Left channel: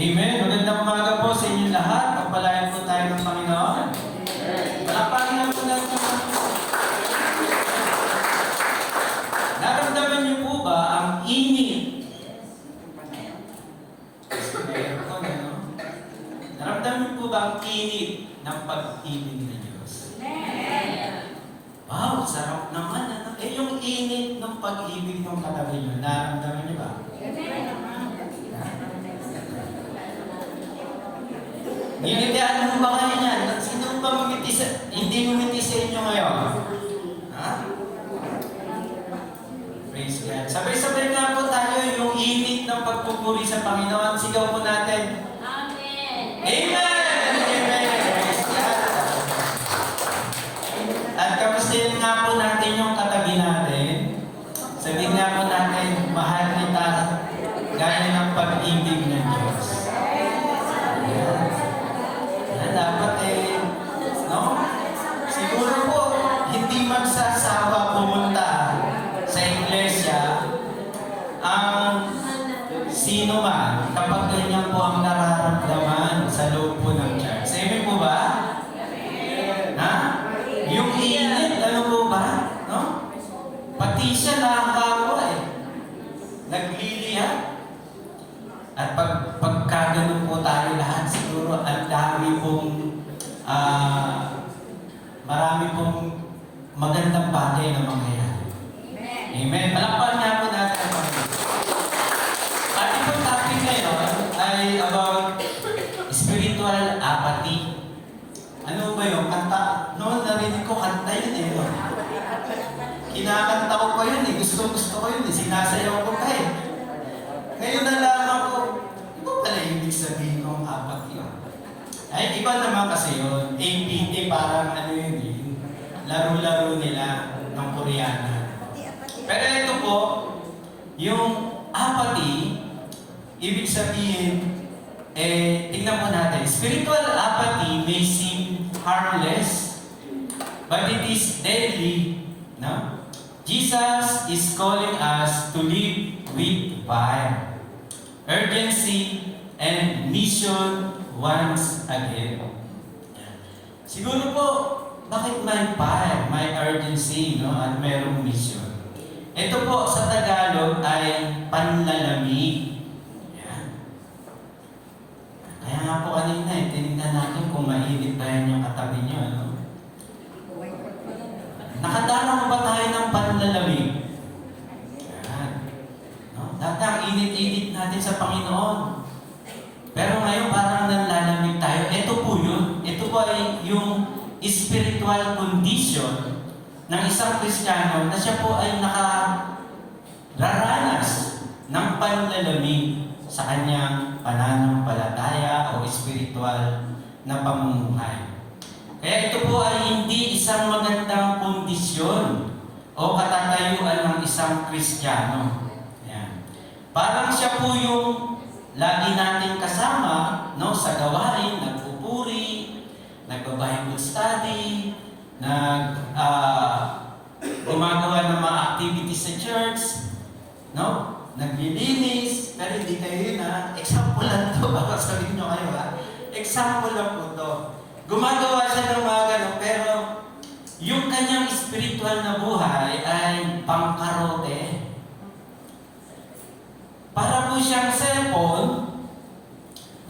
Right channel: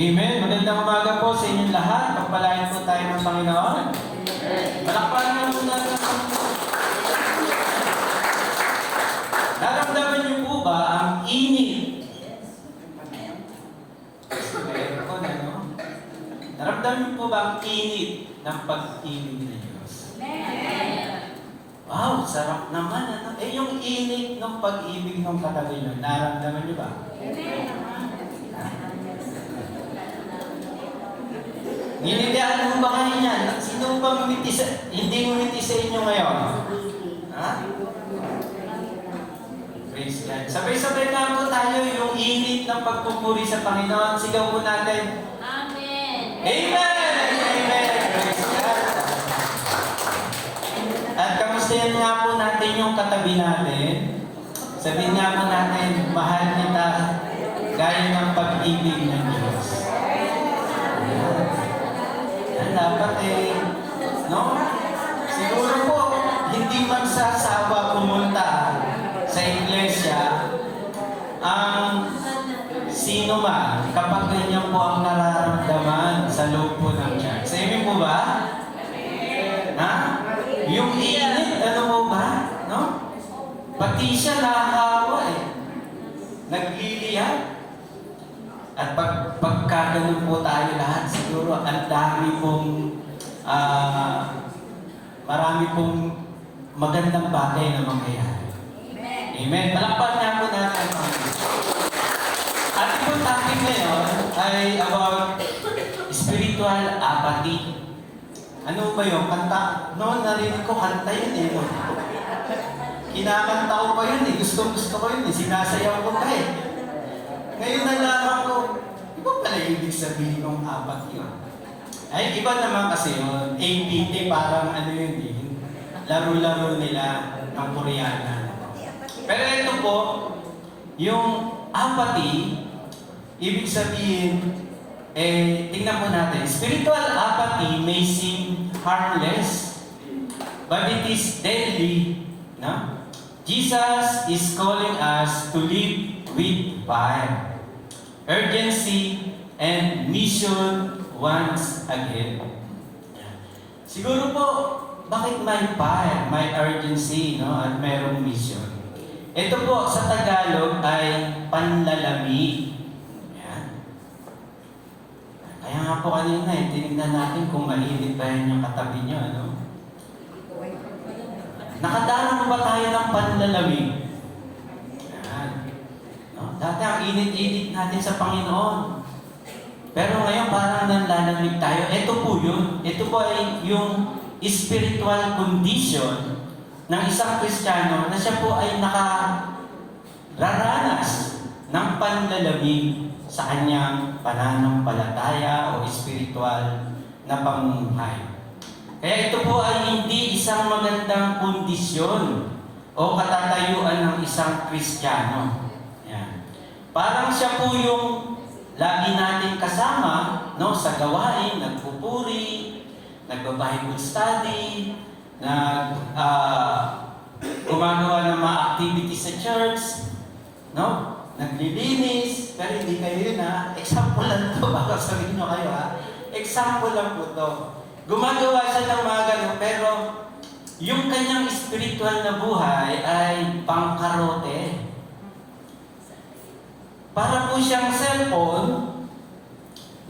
Amen. Magandang umaga po sa inyong lahat. Pagpalain po tayo ng Panginoon. Palakpakan niyo po natin. Naramdaman niyo po ba ang init? Naramdaman niyo po ba ang init ng pag-ibig ng Diyos? Wow, sarap naman. Eh, yung init ng pag-ibig ng katabi niyo, naramdaman niyo ba? Nililian mo ba kayo niyan? Sino ba hindi mumiti sa inyo ngayon? Ha? Praise God. Sabay-sabay na po tayo yung init ng pagpupuri sa Panginoon. Sigaw po natin. Amen! Amen! Amen! Praise God. At kamustahin nga po natin yung katabi natin. Sabihin nga po natin, mahal kita gaya ng pag-ibig ng Diyos. Siguro po, hindi magsasawa pumunta sa iglesia ang sino man kapag ganyan po ang nararamdaman sa loob po ng church. Sabi po ba? Ha? Yung init, ano po ba? No? Pati siya nakakawa eh. Naglilihan. At pagkaganon po tayo lahat, siguro ang dami pong marami pong magandang bagay na mangyayari. Amen. Palakpakan nga po natin ang Panginoon. At yung topic ngayon ay about spiritual apathy. Ano ba yung kanta? Noon narinig ko kanta yun eh. No? Kinakanta ko pa yun eh. Gusto ko yun eh. Sinasayaw ko pa eh. Ngayon nalaman ko, iba pala ibig sabihin kong apathy yun. Ay, iba naman kasi yun. APT, parang ano yun eh. Laro-laro nila ng Koreana. Pero ito po, yung apathy, ibig sabihin, tingnan mo natin. Spiritual apathy may seem harmless, but it is deadly. No? Jesus is calling us to live with fire, urgency, and mission once again. Siguro po, bakit may fire, may urgency, no? At mayroong mission? Ito po sa Tagalog ay panlalamig. Yan. Kaya nga po kanina, tinignan natin kung mainit tayo yung katabi nyo. Ano? Nakadara mo ba tayo ng panlalamig? Yan. No? Dati ang init-init natin sa Panginoon. Pero ngayon parang nanlalamig tayo. Ito po yun. Ito po ay yung spiritual condition ng isang Kristiyano na siya po ay nakararanas ng panlalamig sa kanyang pananampalataya o spiritual na pamumuhay. Kaya ito po ay hindi isang magandang kondisyon o katatayuan ng isang Kristiyano. Yan. Parang siya po yung lagi natin kasama, no, sa gawain, nagpupuri, nag-Bible study, gumagawa ng mga activities sa church, no? Naglilinis, pero hindi kayo yun ha. Example lang to, baka sabihin nyo kayo ha. Example lang po to. Gumagawa siya ng mga gano'n, pero yung kanyang spiritual na buhay ay pangkarote. Para po siyang cellphone,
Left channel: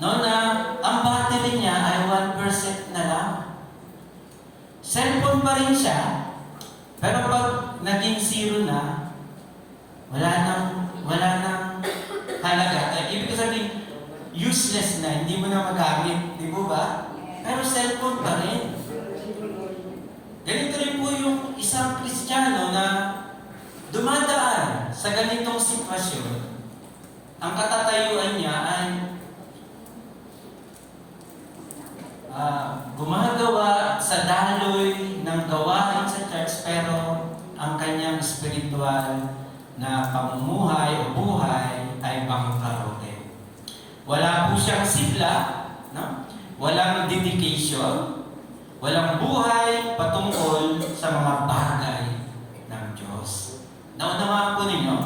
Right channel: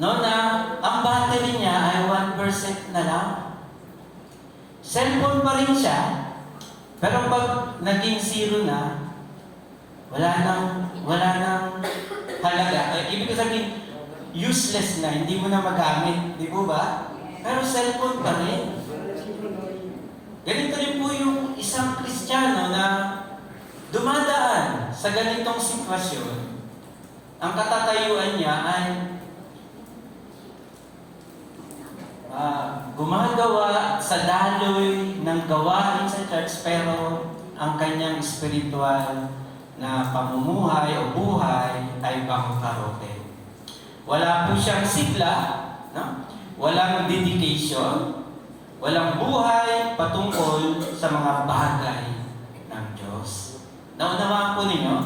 no, na ang battery niya ay 1% na lang. Cellphone pa rin siya, pero pag naging zero na, wala nang halaga. Ibig sabihin, useless na, hindi mo na magamit, di ba ba? Pero cellphone pa rin. Ganito rin po yung isang Kristiyano na dumadaan sa ganitong sitwasyon. Ang katatayuan niya ay gumagawa sa daloy ng gawain sa church, pero ang kanyang spiritual na pamumuhay o buhay ay pangkarote. Wala po siyang sigla, no? Walang dedication, walang buhay patungkol sa mga bagay ng Diyos. Naunawaan po ninyo?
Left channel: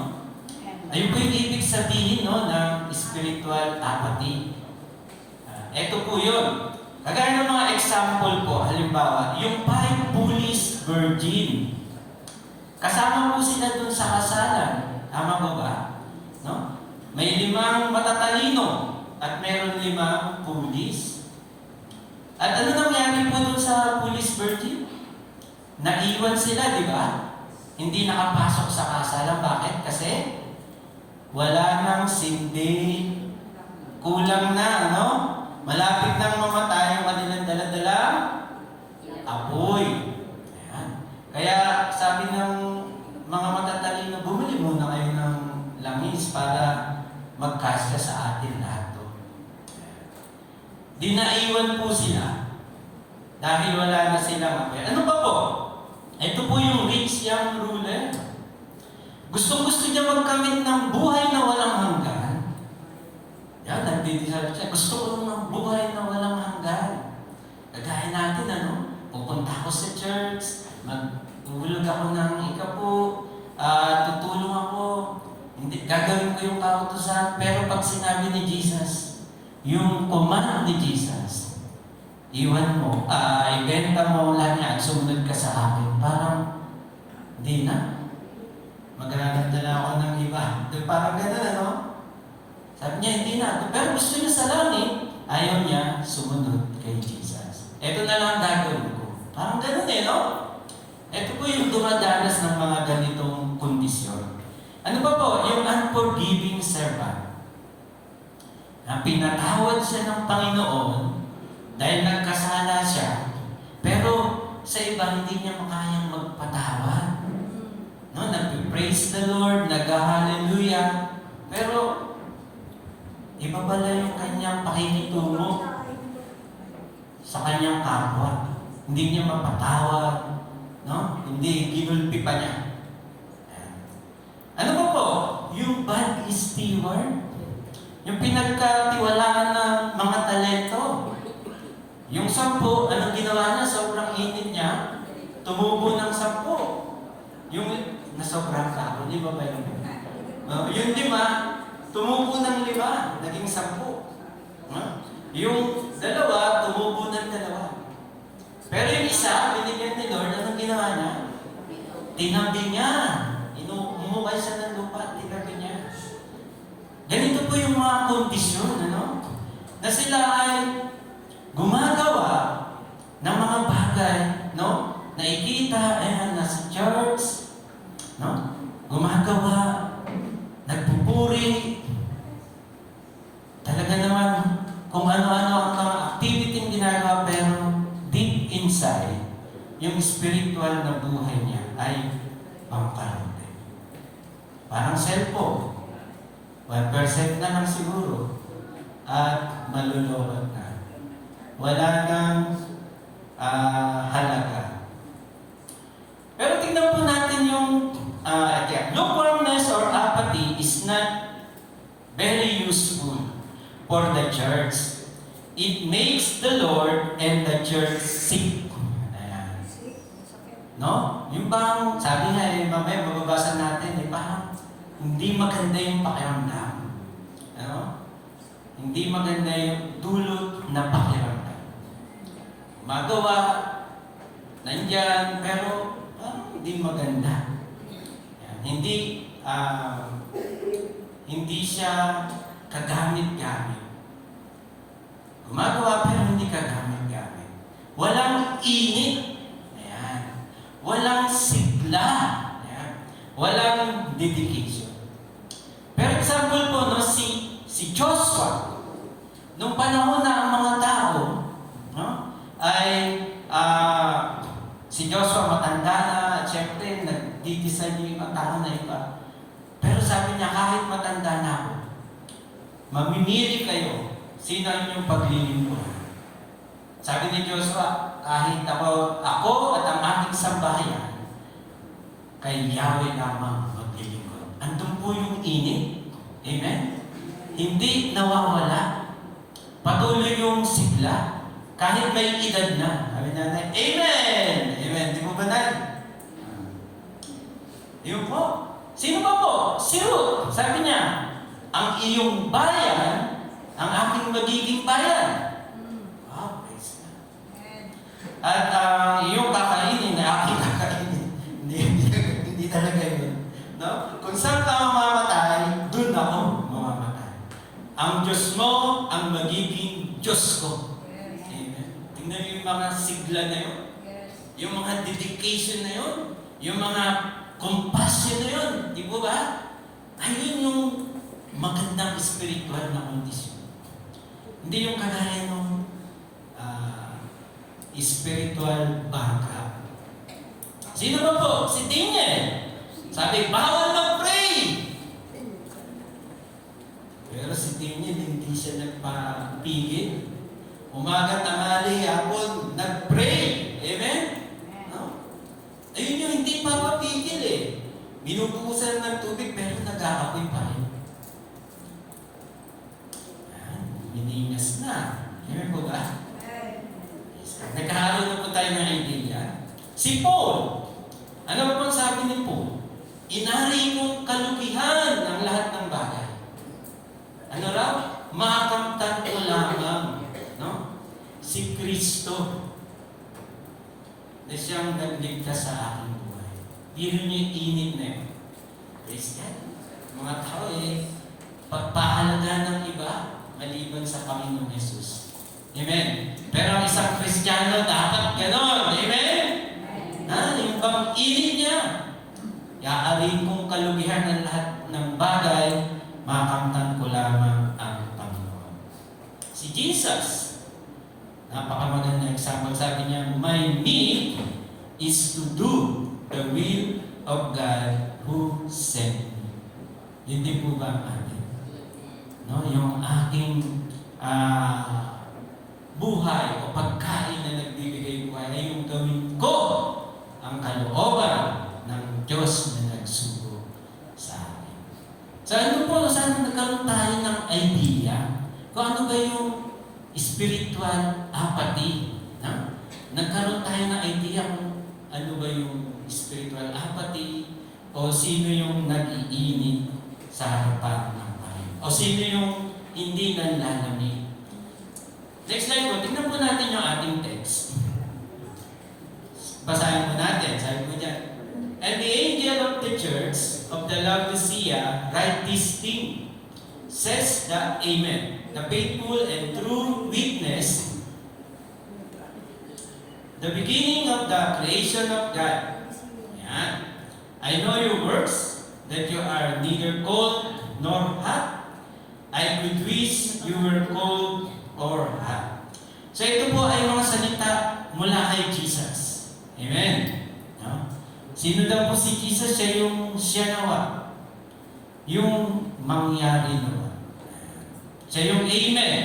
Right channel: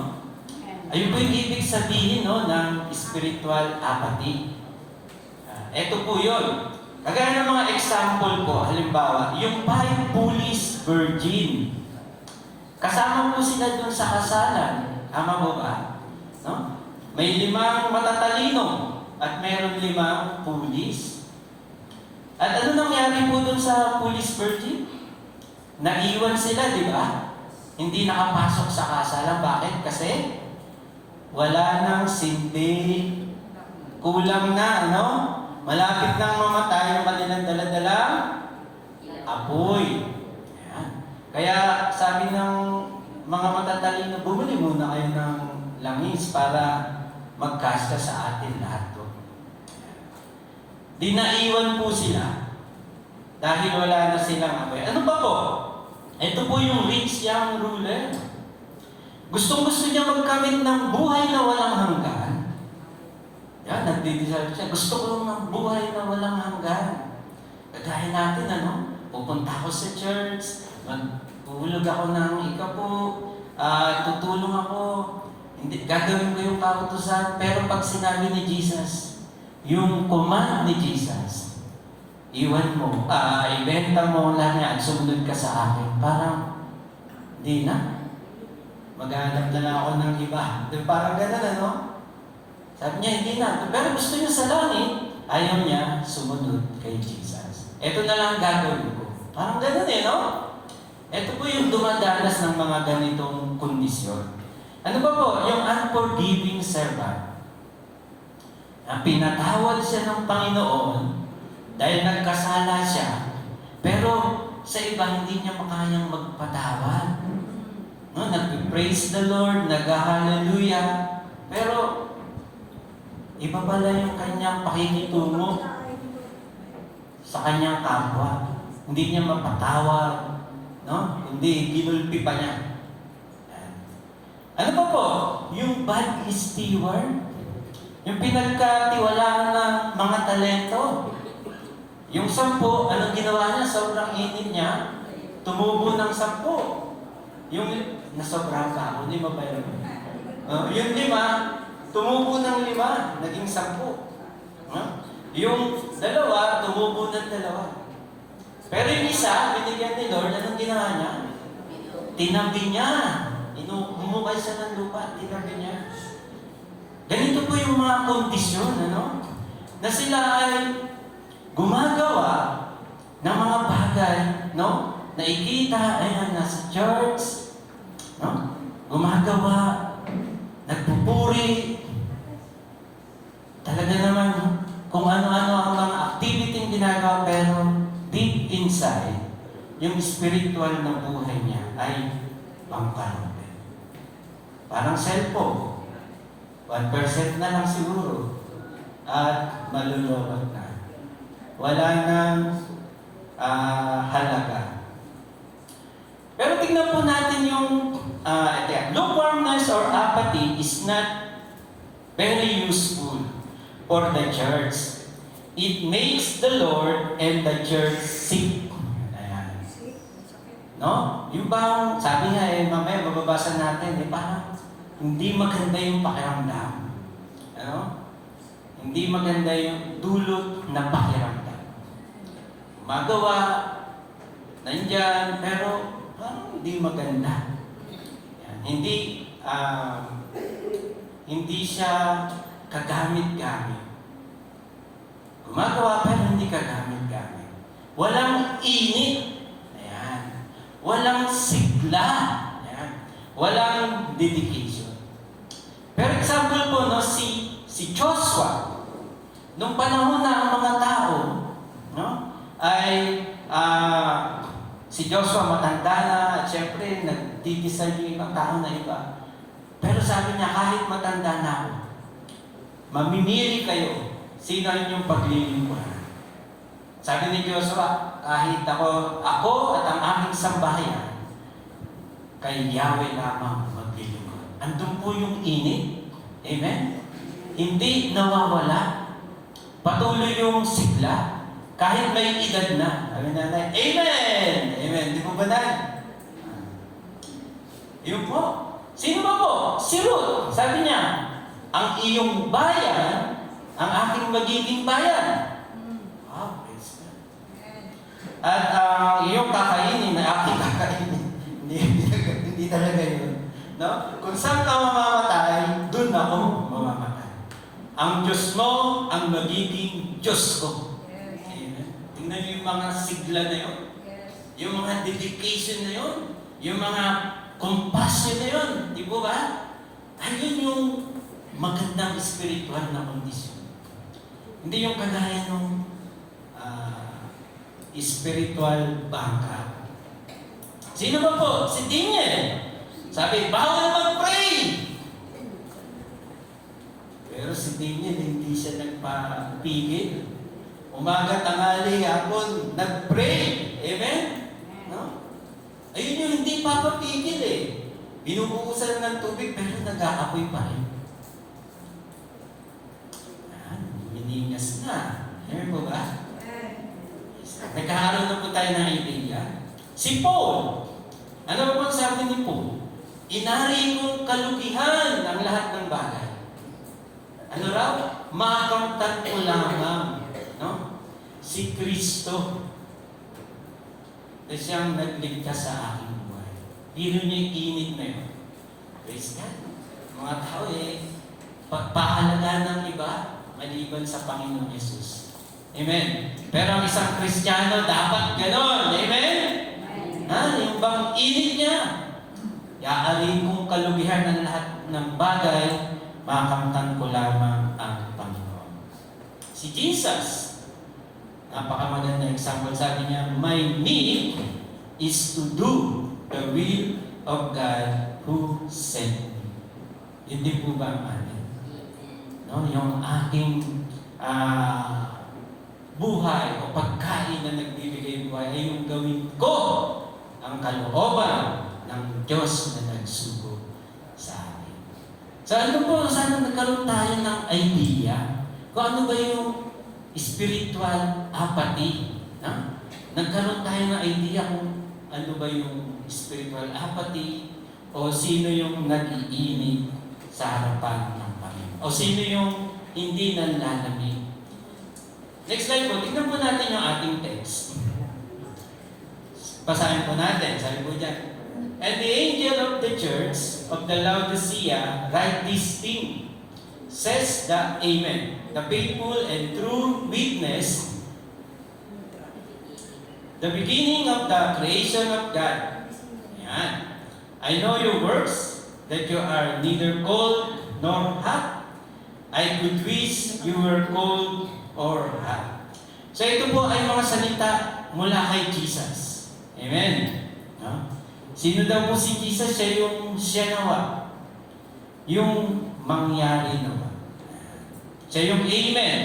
Ayun po yung ibig sabihin, no, ng spiritual apathy. Ito po yun. Kagaya ng mga example po, halimbawa, yung 5 foolish virgin. Kasama po sila dun sa kasalan. Tama ba ba? No? May 5 matatalino at meron 5 foolish. At ano nangyari po dun sa foolish virgin? Naiwan sila, di ba? Hindi nakapasok sa kasalan. Bakit? Kasi wala nang sindi. Kulang na, ano? Malapit nang mamatay ang kanilang dala-dalang apoy. Ayan. Kaya sabi ng mga matatalino, bumili muna kayo ng langis para magkasya sa atin lahat to. Di naiwan po sila dahil wala na silang apoy. Ano ba po? Ito po yung rich young ruler. Gusto niya magkamit ng buhay na walang hanggan. Yan, nagdidesire siya. Gusto ko ng buhay na walang hanggan. Kagaya natin, ano? Pupunta ako sa church, maghuhulog ako ng ikapo, tutulong ako, hindi, gagawin ko yung kautusan. Pero pag sinabi ni Jesus, yung command ni Jesus, iwan mo, ibenta mo lang yan, sumunod ka sa akin. Parang, hindi na. Maghanap na lang ako ng iba. Parang gano'n, ano? Sabi niya, hindi na. Pero gusto niya sa langit, ayaw niya sumunod kay Jesus. Ito na lang gagawin ko. Parang gano'n no? Ito po yung dumadanas ng mga ganitong kondisyon. Ano ba po? Yung unforgiving servant. Pinatawad siya ng Panginoon dahil nagkasala siya, pero sa iba hindi niya makayang magpatawad. No, nag-praise the Lord, nag-hallelujah, pero iba pala yung kanyang pakikitungo sa kanyang kapwa. Hindi niya mapatawad, no? Hindi, ginulpi pa niya. Ano ba po? Yung bad steward, yung pinagkatiwalaan na mga talento. Yung 10, anong ginawa niya? Sobrang init niya, tumubo ng 10. Yung nasobrang ka, hindi ba ba yun? Yung 5, tumubo ng 5, naging 10. Yung 2, tumubo ng 2. Pero yung isa, binigyan ni Lord, anong ginawa niya? Tinabi niya. Umukay siya ng lupa, tinabi niya. Ganito po yung mga kondisyon, ano? Na sila ay gumagawa ng mga bagay, no? Nakikita, ayan, nasa church, no? Gumagawa, nagpupuri, talaga naman, kung ano-ano ang mga activity yung ginagawa, pero deep inside, yung spiritual na buhay niya ay pangkarante. Parang cellphone. 1% na lang siguro. At malulunod na. Wala nang halaga. Pero tingnan po natin yung lukewarmness or apathy is not very useful for the church. It makes the Lord and the church sick. Ayan. No? Yung bang, sabi nga mamaya mababasa natin, parang hindi maganda yung pakiramdam. Ano? Hindi maganda yung dulot na pakiramdam. Magawa, nandyan, pero parang hindi maganda. Hindi siya kagamit-gamit. Gumagawa pero hindi kagamit-gamit. Walang init. Ayan. Walang sigla. Ayan. Walang dedication. Pero example po, no, si Joshua, nung panahon na ang mga tao, no, ay si Joshua matanda na, at syempre, nag-decide yung ibang tao na iba. Pero sabi niya, kahit matanda na ako, mamimili kayo, sino yung paglilingkuran. Sabi ni Joshua, kahit ako at ang aking sambahayan, kay Yahweh lamang maglilingkod. Andun po yung init. Amen? Hindi nawawala. Patuloy yung sigla. Kahit may edad na. Sabi natin, Amen! Amen. Di po ba na? Yun po. Sino ba po? Si Ruth. Sabi niya, ang iyong bayan, ang aking magiging bayan. At ang iyong kakainin, aking kakainin. Hindi talaga yun. No? Kung saan ka mamamatay, dun ako mamamatay. Ang Diyos mo, ang magiging Diyos ko. Amen. Tingnan niyo yung mga sigla na yun. Yung mga dedication na yun. Yung mga compassion na yun. Di ba ba? Ayun yung magandang spiritual na kondisyon. Hindi yung kagaya ng spiritual bankrupt. Sino ba po? Si Daniel. Sabi, bawal mag-pray. Pero si Daniel, hindi siya nagpapigil. Umaga, tanghali, hapon, nag-pray. Amen? No? Ayun yung hindi papapigil eh. Binubukusan ng tubig, pero nag-aapoy pa rin. Mininas na. Amen po ba? Nagkaroon na po tayo ng idea. Si Paul, ano ba pang sabi ni Paul? Inari kong kalukihan ang lahat ng bagay. Ano raw? Makamtan ko lamang, no? Si Kristo na siyang nagligtas sa aking buhay. Biro niyo yung init na yun. Praise God. Mga tao pagpahalaga ng iba maliban sa Panginoon Jesus. Amen. Pero ang isang Kristiyano dapat gano'n. Amen? Yung bang init niya. Iaariin kong kalugihan ng lahat ng bagay, makamtan ko lamang ang Panginoon. Si Jesus, napakamagandang example, sabi niya, my need is to do the will of God who sent me. Yun din po ba ang atin? No? Yung ating buhay o pagkain na nagbibigay buhay ay yung gawin ko ang kalooban ng Diyos na nagsugo sa akin. So ano po, sana nagkaroon tayo ng idea kung ano ba yung spiritual apathy. No? Nagkaroon tayo ng idea kung ano ba yung spiritual apathy o sino yung nag-iinit sa harapan ng Panginoon. O sino yung hindi nanlalamig. Next slide po, tignan po natin yung ating text. Basahin po natin, sabi po dyan. And the angel of the church of the Laodicea write this thing, says the Amen, the faithful and true witness, the beginning of the creation of God. Ayan. I know your works, that you are neither cold nor hot. I could wish you were cold or hot. So ito po ay mga salita mula kay Jesus. Amen. No? Sino daw po si Jesus? Siya nawa. Yung mangyari nawa. Siya yung Amen.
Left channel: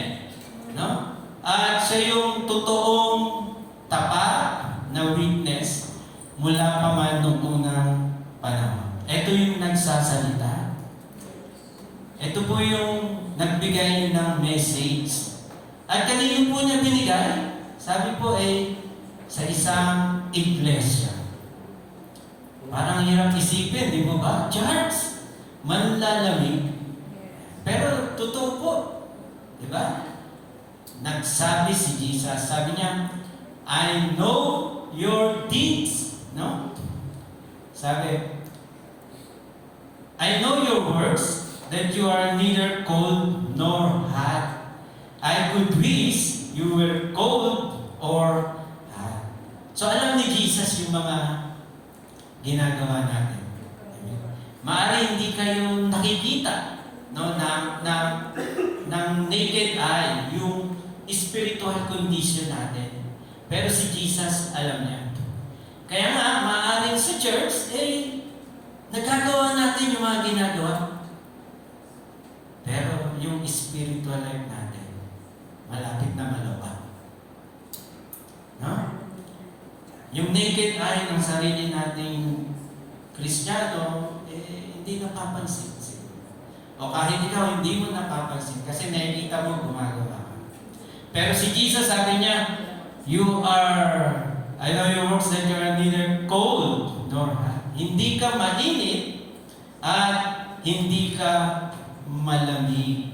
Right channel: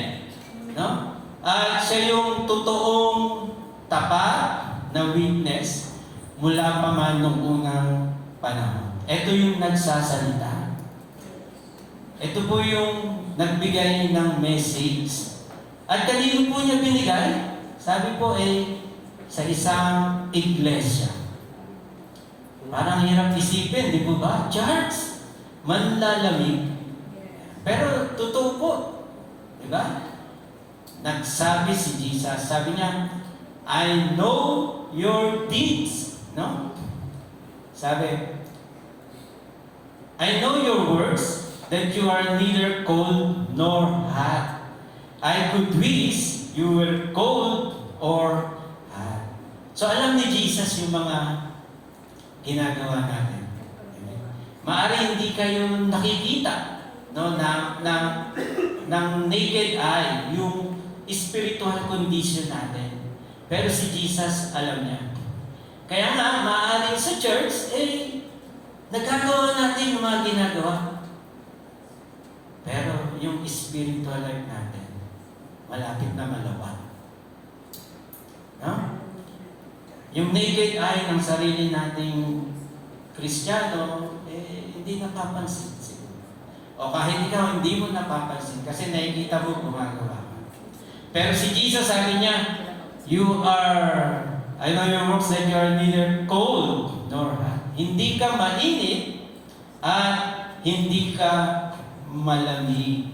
No? At siya yung totoong tapat na witness mula pa man noong unang panahon. Ito yung nagsasalita. Ito po yung nagbigay ng message. At kanino po niya binigay? Sabi po sa isang iglesia. Parang hirap isipin, di po ba? Church, manlalamig. Pero totoo po. Di ba? Nagsabi si Jesus, sabi niya, I know your deeds. No? Sabi, I know your works, that you are neither cold nor hot. I could wish you were cold or hot. So alam ni Jesus yung mga ginagawa natin. Maaari hindi kayo nakikita ng naked eye yung spiritual condition natin. Pero si Jesus alam niya. Kaya nga, maaari sa church, nagagawa natin yung mga ginagawa. Pero yung spiritual life natin, malapit na malawa. No? Yung naked eye ng sarili nating Kristiyano, hindi napapansin. O kahit ikaw, hindi mo napapansin kasi nakikita mo gumagawa ka. Pero si Jesus sabi niya, I know your works that you are neither cold nor hot. Hindi ka mainit at hindi ka malamig.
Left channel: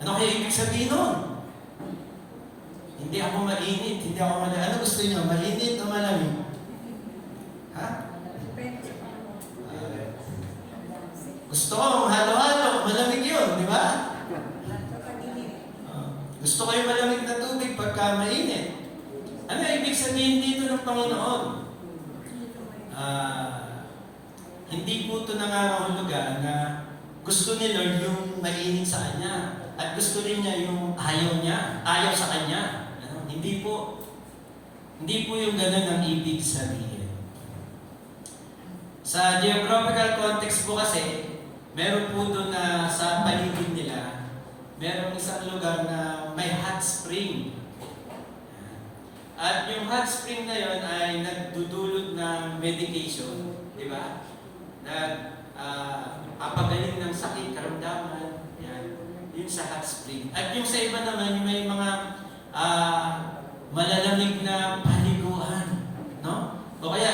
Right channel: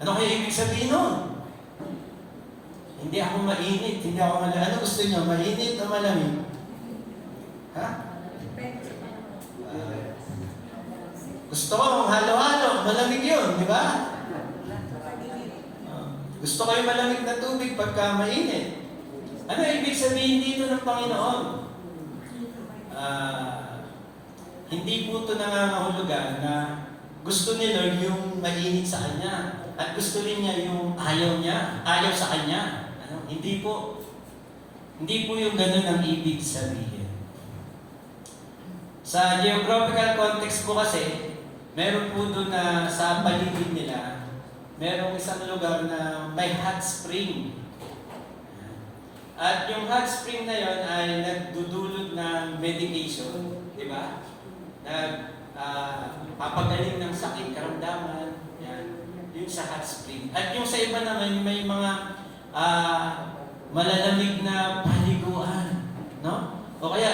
Ano kaya ibig sabihin nun? Hindi ako mainit, hindi ako malamig. Ano gusto niyo? Mainit o malamig? Ha? Gusto ko halo-halo, malamig yun, di ba? Gusto ko yung malamig na tubig pagka mainit. Ano ibig sabihin dito ng Panginoon? Hindi po ito nangangahulugan na gusto ni Lord yung mainit sa Kanya at gusto rin niya yung ayaw sa Kanya. Hindi po. Hindi po yung ganun ang ibig sabihin. Sa geographical context po kasi, meron po doon na sa paligid nila, merong isang lugar na may hot spring. At yung hot spring na yon ay nagdudulot ng medication, di ba? Papagaling ng sakit, karamdaman, yan. Yun sa hot spring. At yung sa iba naman, may mga malalamig na paliguan, no? O kaya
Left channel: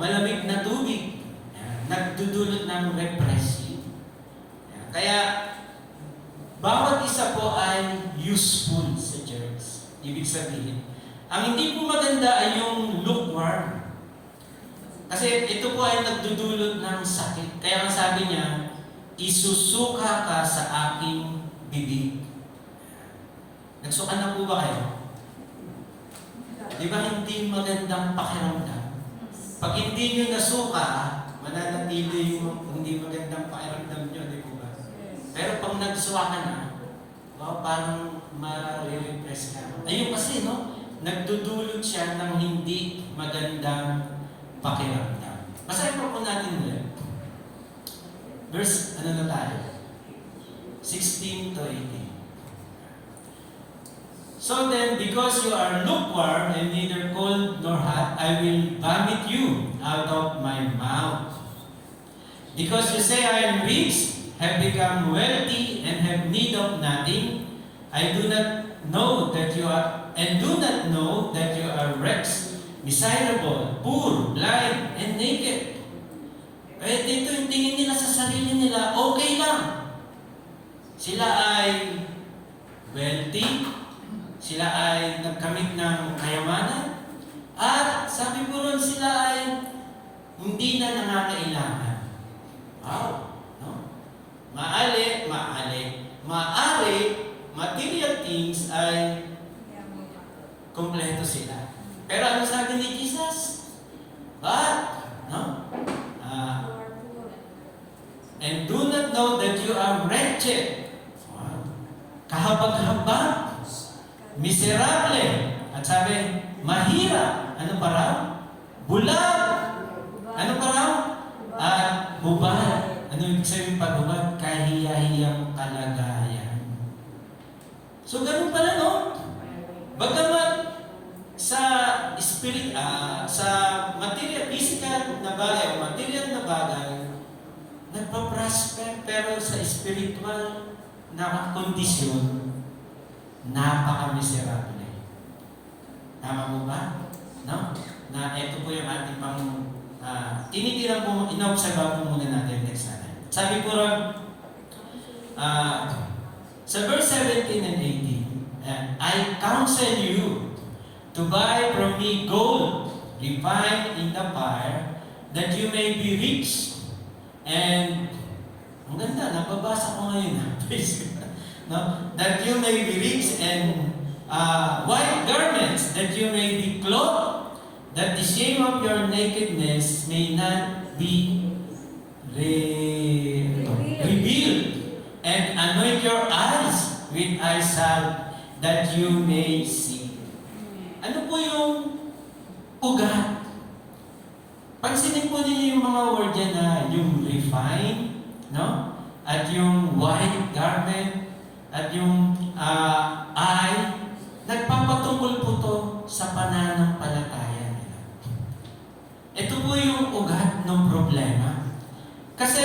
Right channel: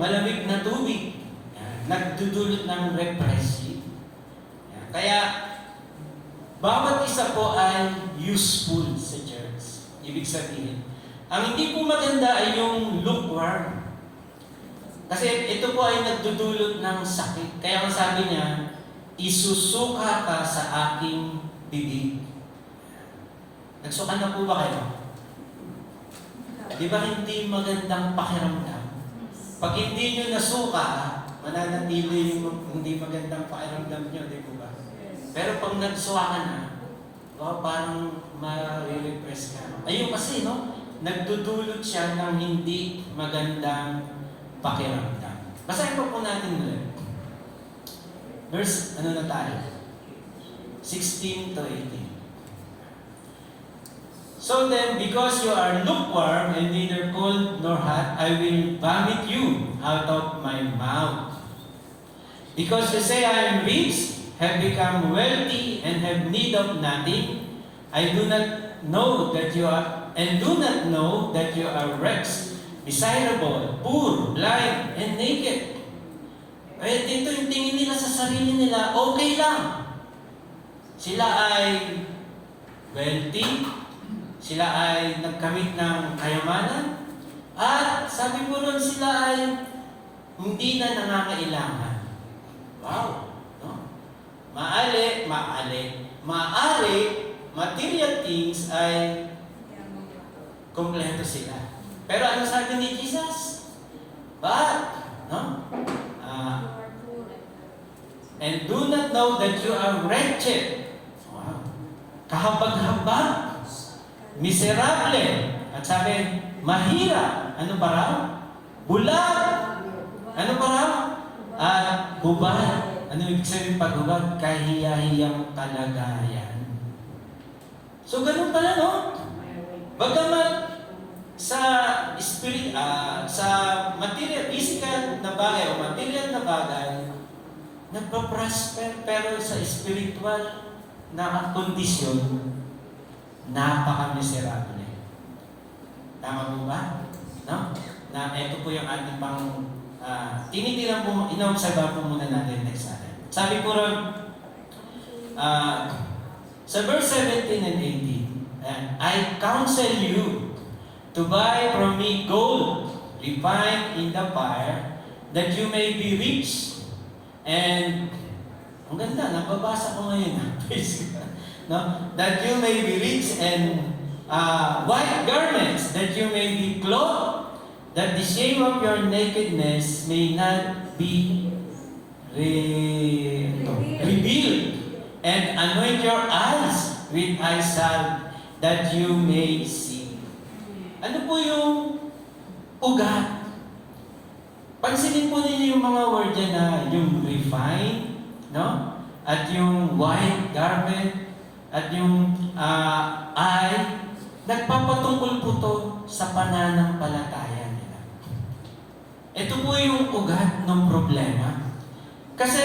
malamig na tubig. Yan. Nagdudulot ng refreshing. Yan. Kaya, bawat isa po ay useful sa church. Ibig sabihin, ang hindi po maganda ay yung lukewarm. Kasi ito po ay nagdudulot ng sakit. Kaya ang sabi niya, isusuka ka sa aking bibig. Nagsuka na po ba kayo? Di ba hindi magandang pakiramdam? Pag hindi nyo nasuka, mananatili yung hindi magandang pakiramdam nyo, di po ba? Pero pag nagsuka ka na, wow, parang ma-refresh ka. Ayun kasi, no? Nagdudulot siya ng hindi magandang pakiramdam. Basahin po natin ulit. Verse, ano na tayo? 16 to 18. So then, because you are lukewarm and neither cold nor hot, I will vomit you out of my mouth. Because you say, I am rich, have become wealthy, and have need of nothing, I do not know that you are, and do not know that you are wretched, miserable, poor, blind, and naked. Eh, dito yung tingin nila sa sarili nila, okay lang. Sila ay wealthy, sila ay nagkamit ng kayamanan, at sabi po nun sila ay hindi na nangangailangan. Wow! No? Maari, material things ay kompleto sila. Pero ano sabi ni Jesus? But, no? And do not know that you are wretched. Wow. Kahabag-habag. Miserable. At sabi, mahirap. Ano pa raw? Bulag. Ano pa raw? At hubad. Ano ibig sabihin pag hubad? Kahiya-hiyang kalagayan. So, ganun pala, no? Bagamat sa spirit, sa material, physical na bagay o material na bagay, nagpa-prosper, pero sa spiritual na kondisyon, napaka-miserable. Tama po ba? No? Na ito po yung ating pang tinitira po, ina-observe po muna natin next natin. Sabi po ron, sa verse 17 and 18, I counsel you to buy from me gold refined in the fire, that you may be rich. And, ang ganda, nababasa ko ngayon. Praise God. No? That you may be rich, and white garments, that you may be clothed, that the shame of your nakedness may not be revealed, and anoint your eyes with eye salve, that you may see. Ano po yung ugat? Pansinin po niyo yung mga word yan na yung refine, no? At yung white garment, at yung eye, nagpapatungkol po to sa pananampalataya nila. Ito po yung ugat ng problema. Kasi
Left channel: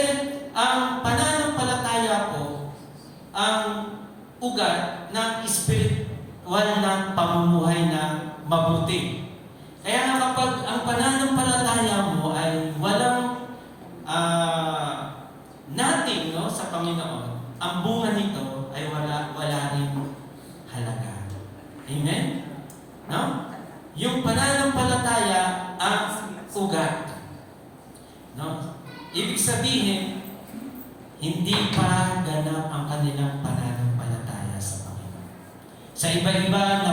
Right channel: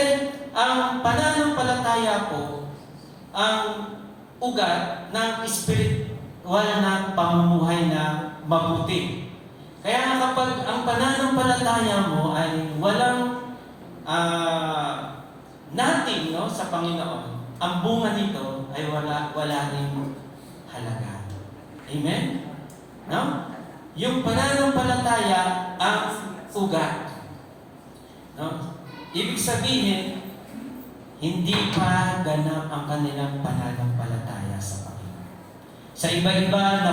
ang pananampalataya po, ang ugat ng spiritual na pamumuhay na mabuti. Kaya kapag ang pananampalataya mo ay walang nothing, no, sa Panginoon, ang bunga nito ay wala rin halaga. Amen? No? Yung pananampalataya ang ugat. No? Ibig sabihin, hindi pa ganap ang kanilang pananampalataya sa Panginoon. Sa iba-iba,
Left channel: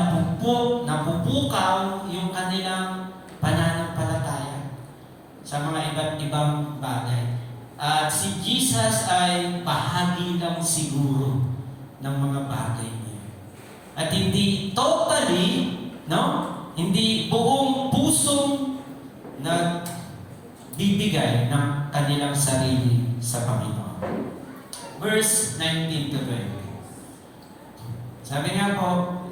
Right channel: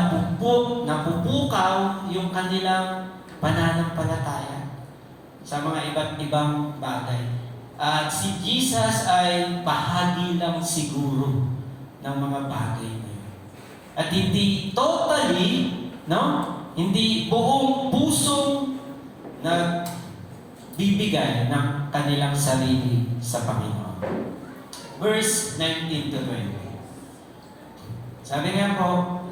napupukaw yung kanilang pananampalataya sa mga iba't ibang bagay. At si Jesus ay bahagi lang siguro ng mga bagay niya. At hindi totally, no? Hindi buong pusong nagbibigay ng kanilang sarili sa Panginoon. Verse 19 to 20. Sabi niya po,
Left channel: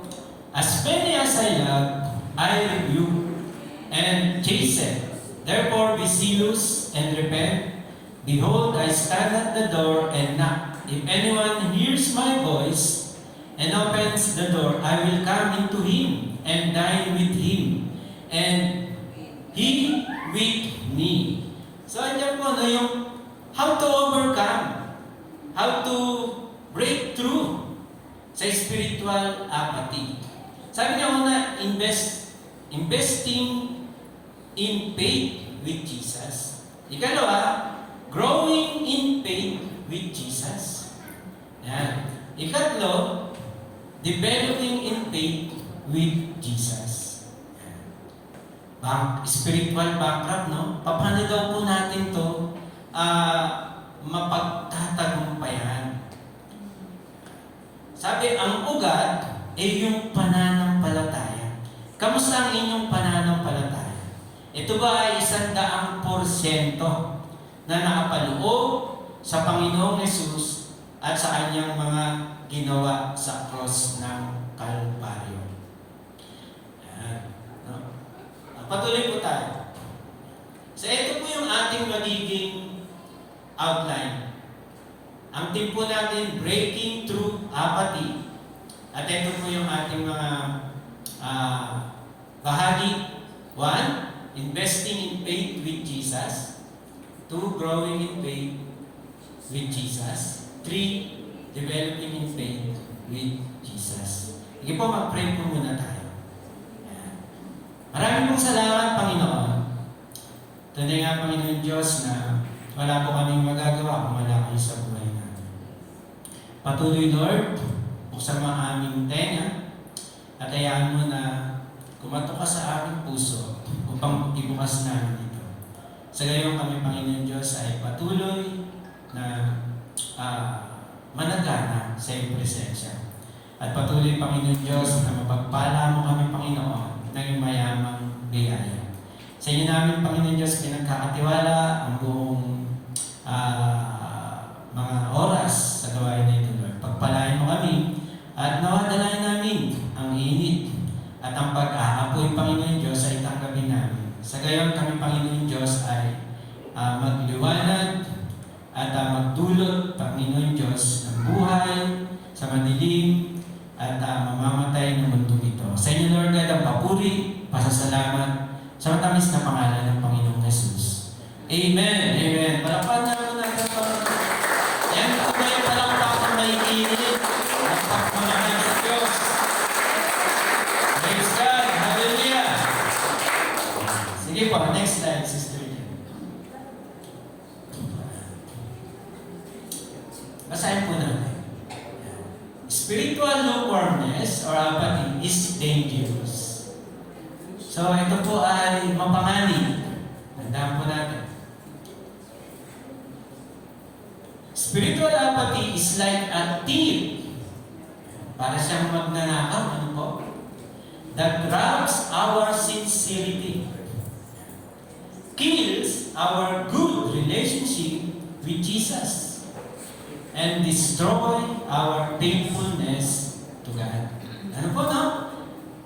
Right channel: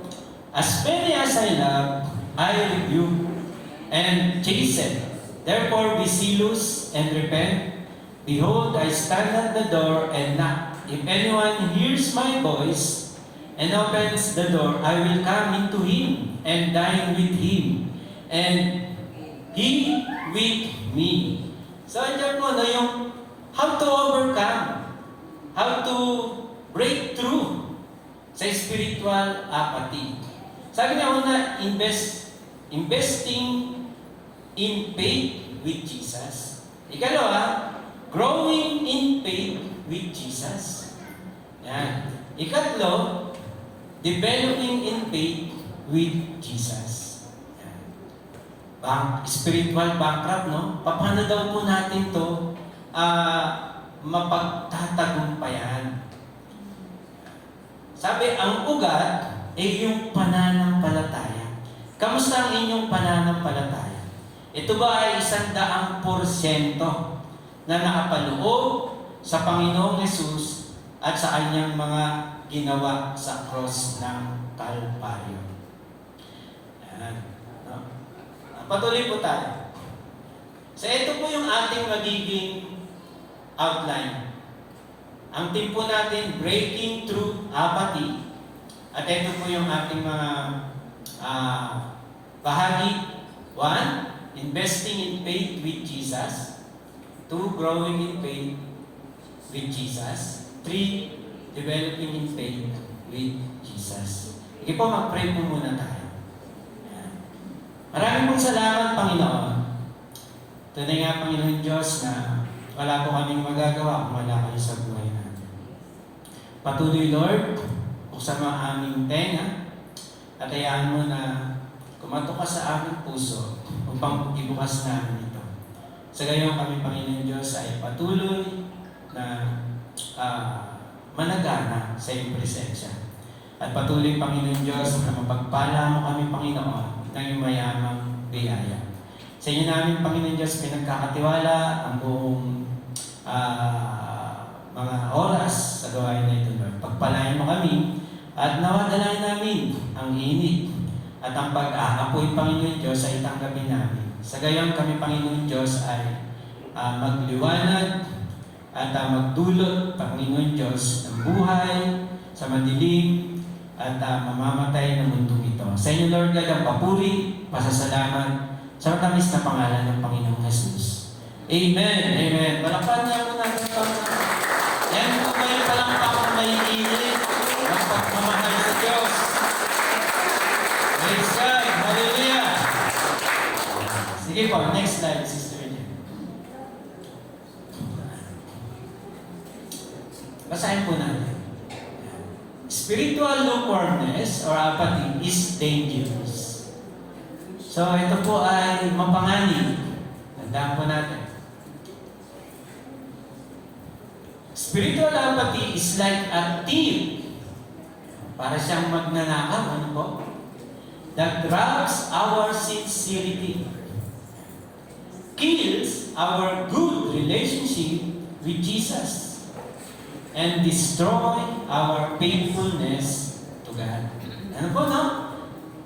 as many as I love, I rebuke and chasten. Therefore be zealous and repent. Behold, I stand at the door and knock. If anyone hears my voice and opens the door, I will come into him and dine with him, and he with me. So, andyan po na yung how to overcome, how to break through sa spiritual apathy. Sabi niya una, investing in faith with Jesus. Ikalawa, growing in faith with Jesus. Yan. Ikatlo, developing in faith with Jesus. Spiritual backdrop, no? Paano daw po natin to mapagtatagumpayan? Sabi, ang ugat ay yung pananampalataya. Kamusta ang inyong pananampalataya? Ito ba ay 100% na nakapaloob sa Panginoong Hesus at sa kanyang mga ginawa sa cross ng Kalbaryo? No? Patuloy po tayo. So ito po yung ating magiging outline. Ang team po natin, breaking through apathy. At ito po yung ating mga bahagi. 1, investing in faith with Jesus. 2, growing in faith with Jesus. 3, developing in faith with Jesus. Sige po, mag-pray po muna tayo. Maraming pong salamat, Panginoon. Tunay nga, Panginoon Diyos, na wala po kaming magagawa kung wala kayo sa buhay namin. Patuloy, Lord, buksan mo ang aming tenga at hayaan mo na kumatok ka sa aming puso upang ibukas namin ito. Sa gayon kami, Panginoon Diyos, ay patuloy na managana sa iyong presensya. At patuloy, Panginoon Diyos, na mapagpala mo kami, Panginoon, ng iyong mayamang biyaya. Sa inyo namin, Panginoon Diyos, pinagkakatiwala ang buong mga oras sa gawain na ito, Lord. Pagpalain mo kami at nawadalain namin ang init at ang pag-aapoy, Panginoon Diyos, ay tanggapin namin. Sa gayon kami, Panginoon Diyos, ay magliwanag at magdulot, Panginoon Diyos, ng buhay sa madilim at mamamatay ng mundo ito. Sa inyo, Lord God, ang papuri, pasasalamat sa matamis na pangalan ng Panginoong Jesus. Amen. Amen. Palakpan na ako natin ito. Yan po may palakpak na naiinit. Palakpak mga ng Diyos. Praise God. Hallelujah. Sige po, next slide, Sister Jen. Basahin po natin. Spiritual lukewarmness or apathy is dangerous. So, ito po ay mapanganib. Tandaan po natin. Spiritual apathy is like a thief. Para siyang magnanakaw, ano po? That robs our sincerity, kills our good relationship with Jesus, and destroy our faithfulness to God. Ano po, no?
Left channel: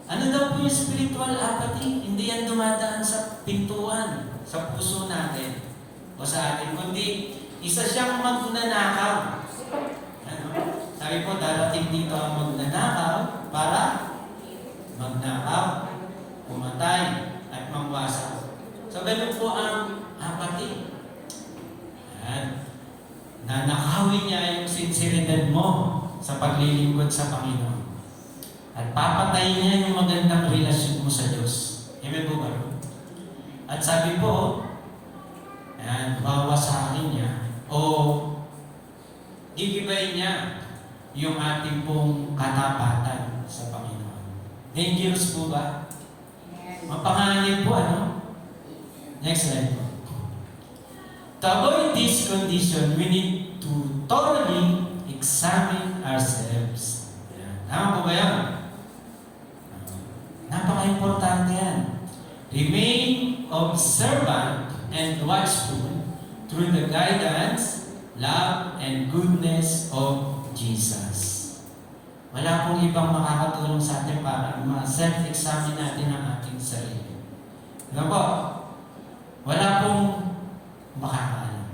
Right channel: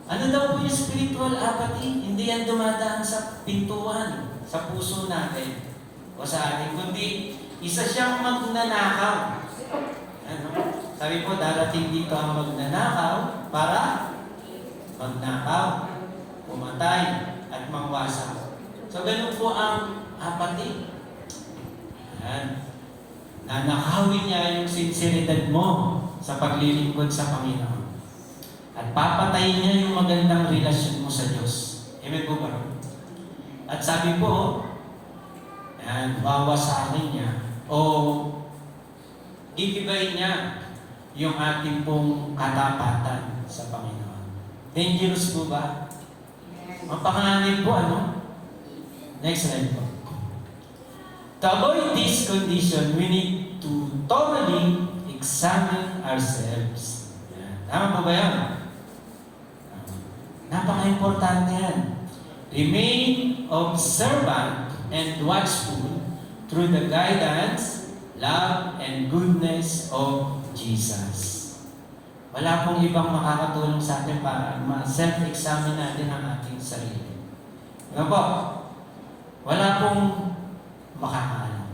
Ano daw po yung spiritual apathy? Hindi yan dumadaan sa pintuan, sa puso natin, o sa atin, kundi isa siyang magnanakaw. Ano? Sabi po, darating dito ang magnanakaw para magnakaw, pumatay, at mangwasak. So, ganun po ang apathy. Yan. Nanakawin niya yung sinseridad mo sa paglilingkod sa Panginoon. At papatayin niya yung magandang relasyon mo sa Diyos. Amen po ba? At sabi po, ayan, bawas sa akin niya, o ibibay niya yung ating pong katapatan sa Panginoon. Dangerous po ba? Mapanganib po, ano? Next slide po. To avoid this condition, we need to thoroughly examine ourselves. Ayan. Tama po ba yan? Napaka-importante yan. Remain observant and watchful through the guidance, love, and goodness of Jesus. Wala pong ibang makakatulong sa atin para ma-self-examine natin ang ating sarili. Diba po? Wala pong makakaalam.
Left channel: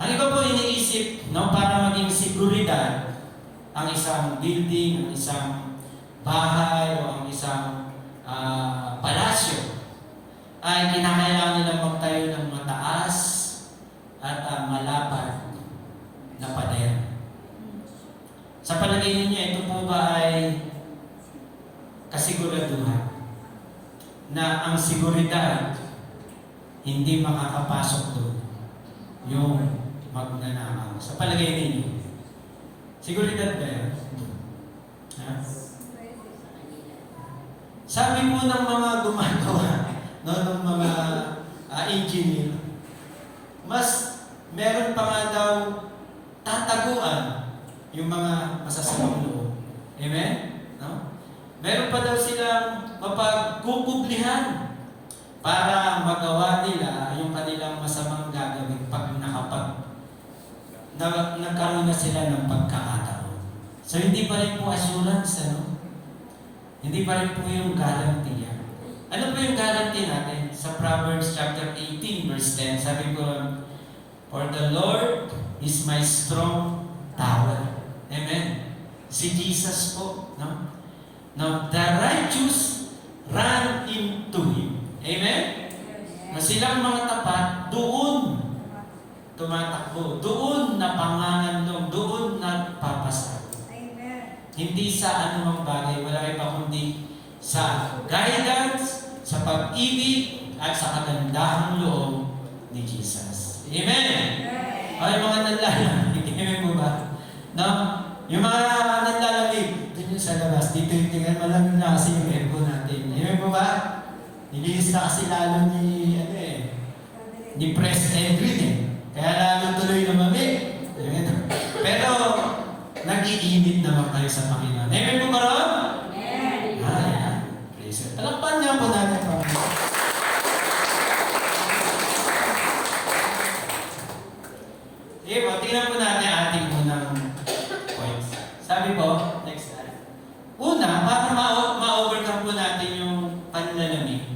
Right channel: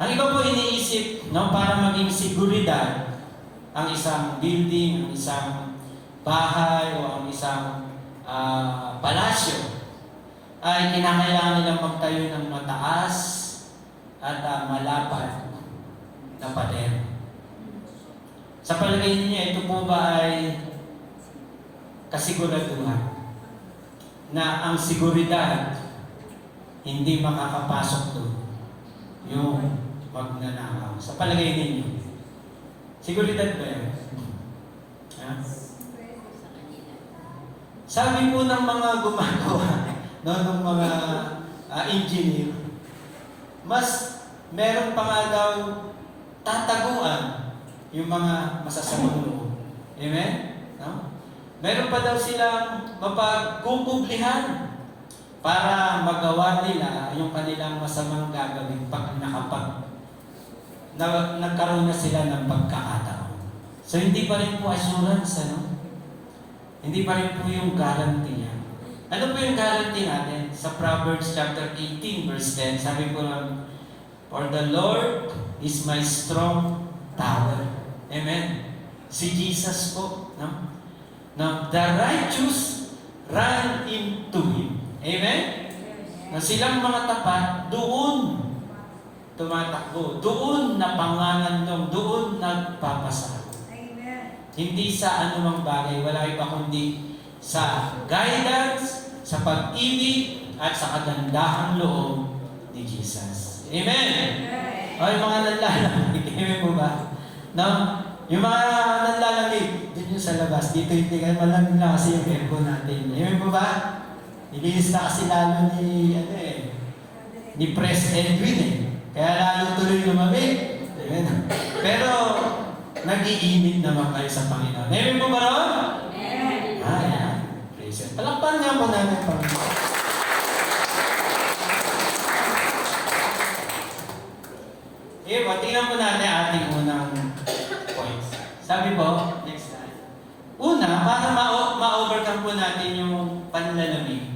Ang iba po iniisip, no, para maging seguridad ang isang building, ang isang bahay, o ang isang palasyo, ay kinakailangan nilang magtayo ng mataas at malapad na pader. Sa palagay ninyo, ito po ba ay kasiguraduhan na ang seguridad hindi makakapasok doon yung magnanakaw? Sa palagay ninyo, seguridad ba yan? Ha? Sabi po ng mga gumagawa, no, ng mga engineer, mas meron pa nga daw tataguan yung mga masasamang loob. Amen? No? Meron pa daw silang mapagkukublihan para magawa nila yung kanilang masamang gagawin pag nagkaroon na sila ng pagkakataon. So hindi pa rin po assurance, ano? Hindi pa rin po yung guarantee yan. Ano po yung guarantee natin? Sa Proverbs chapter 18 verse 10, sabi ko, for the Lord is my strong tower. Amen? Si Jesus po, no? Now, the righteous run into Him. Amen? Na silang mga tapat, doon tumatakbo, doon napanganandong, doon nagpapasal. Hindi sa anumang bagay, wala iba kundi sa guidance, sa pag-ibig, at sa kagandahang loob ni Jesus. Amen? Ay, mga nanlalamig, amen po ba? No? Yung mga nanlalamig, doon yung sa labas, dito yung tingnan, malamig na kasi yung verbo natin. Amen po ba? Nililis na kasi lalo ni Press Edwin eh. Kaya lalo tuloy lumamig. Amen? Pero, nag-iinit naman kayo sa Panginoon. Amen po ba? Amen. Ayan. Praise God. Palakpan niya po natin, Panginoon. Tingnan po natin ating unang points. Sabi po, next slide. Una, para ma-overcome po natin yung panlalamig,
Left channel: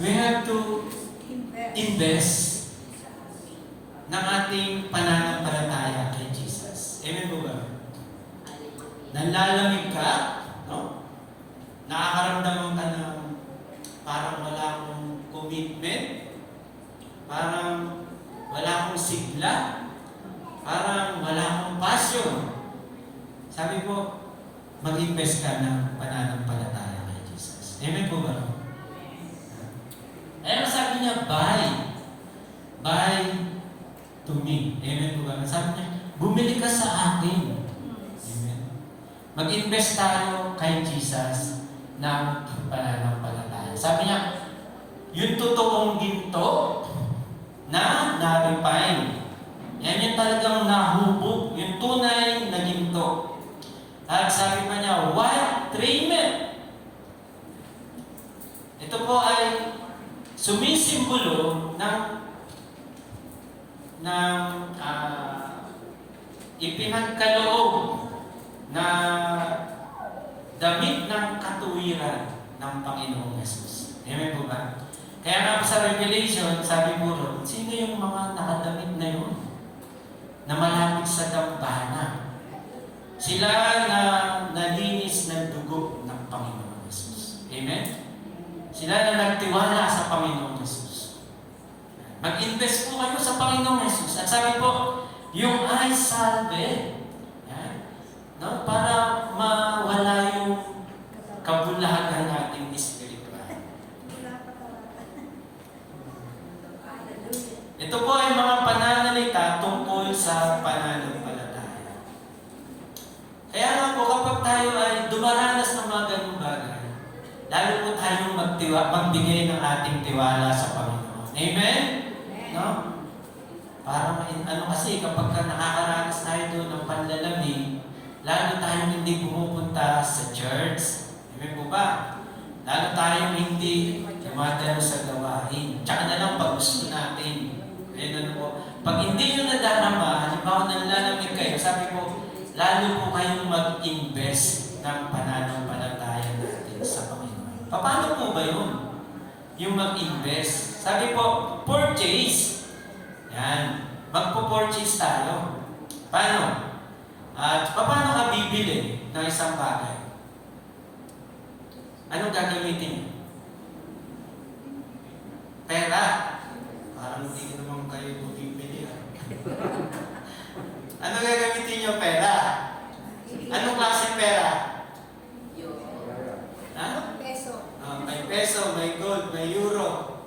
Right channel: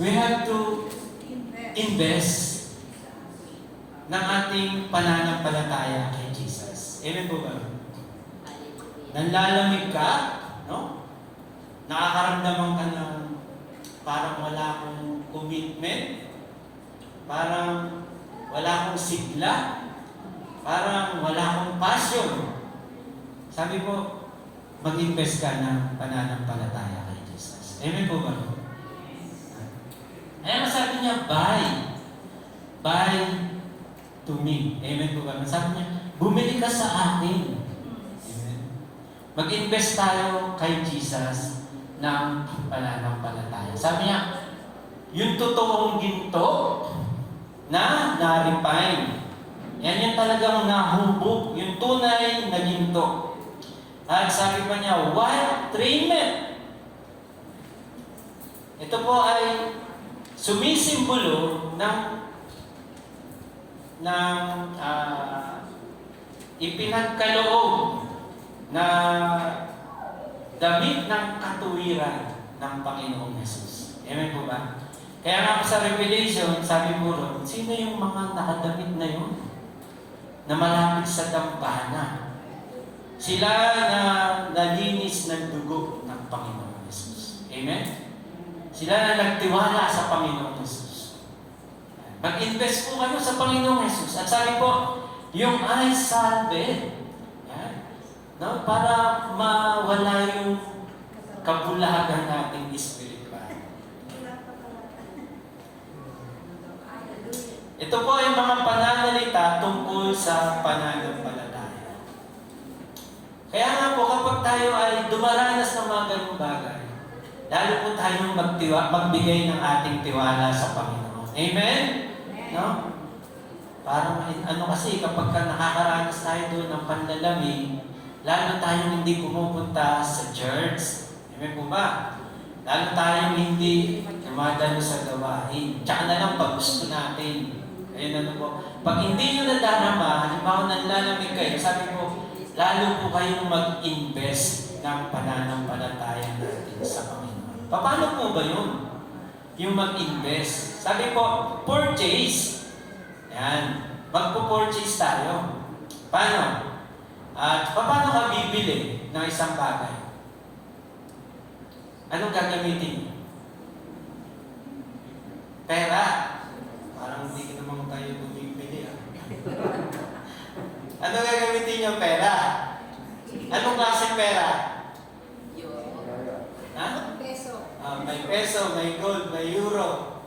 we have to invest ng ating pananampalataya kay Jesus. Amen po ba? Nanlalamig ka, no? Nakakaramdaman ka ng parang wala akong commitment, parang wala akong sigla, parang wala akong passion. Sabi po, mag-invest ka ng pananampalataya kay Jesus. Amen po ba? Ayaw sabi niya, buy to me. Amen po ba? Sabi niya, bumili ka sa akin. Amen. Mag-invest tayo kay Jesus ng pananampalataya. Sabi niya, yung totoong ginto na na-refine. Yan yung talagang nahubog, yung tunay na ginto. At sabi pa niya, what raiment? Ito po ay sumisimbolo ng ipinagkaloob na damit ng katuwiran ng Panginoong Yesus. Amen po ba? Kaya nga sa Revelation, sabi mo ron, sino yung mga nakadamit na yun? Na malapit sa dambana. Sila na nalinis ng dugo ng Panginoong Yesus. Amen? Sila na nagtiwala sa Panginoong Yesus. Mag-invest po kayo sa Panginoong Yesus. At sabi po, yung eye salve, no, para mawala Kaya nga po, kapag tayo ay dumaranas ng mga ganung bagay, lalo po tayong magbigay ng ating tiwala sa Panginoon. Amen? No? Parang, kasi kapag nakakaranas tayo doon ng panlalamig, lalo tayong hindi pumupunta sa church. Amen po ba? Lalo tayong hindi dumadalo sa gawain. Tsaka na lang pag gusto natin. Ayun po. Pag hindi nyo nadarama, halimbawa nanlalamig kayo, sabi po, lalo po kayong mag-invest ng pananampalataya natin sa Panginoon. Paano po ba yun? Yung mag-invest. Sabi po, purchase. Yan. Magpo-purchase tayo. Paano? At paano ka bibili ng isang bagay? Anong gagamitin niyo? Pera. Parang hindi naman kayo bumibili. Ano gagamitin niyo? Pera. Anong klaseng pera? Ha? Peso. May peso, may gold, may euro.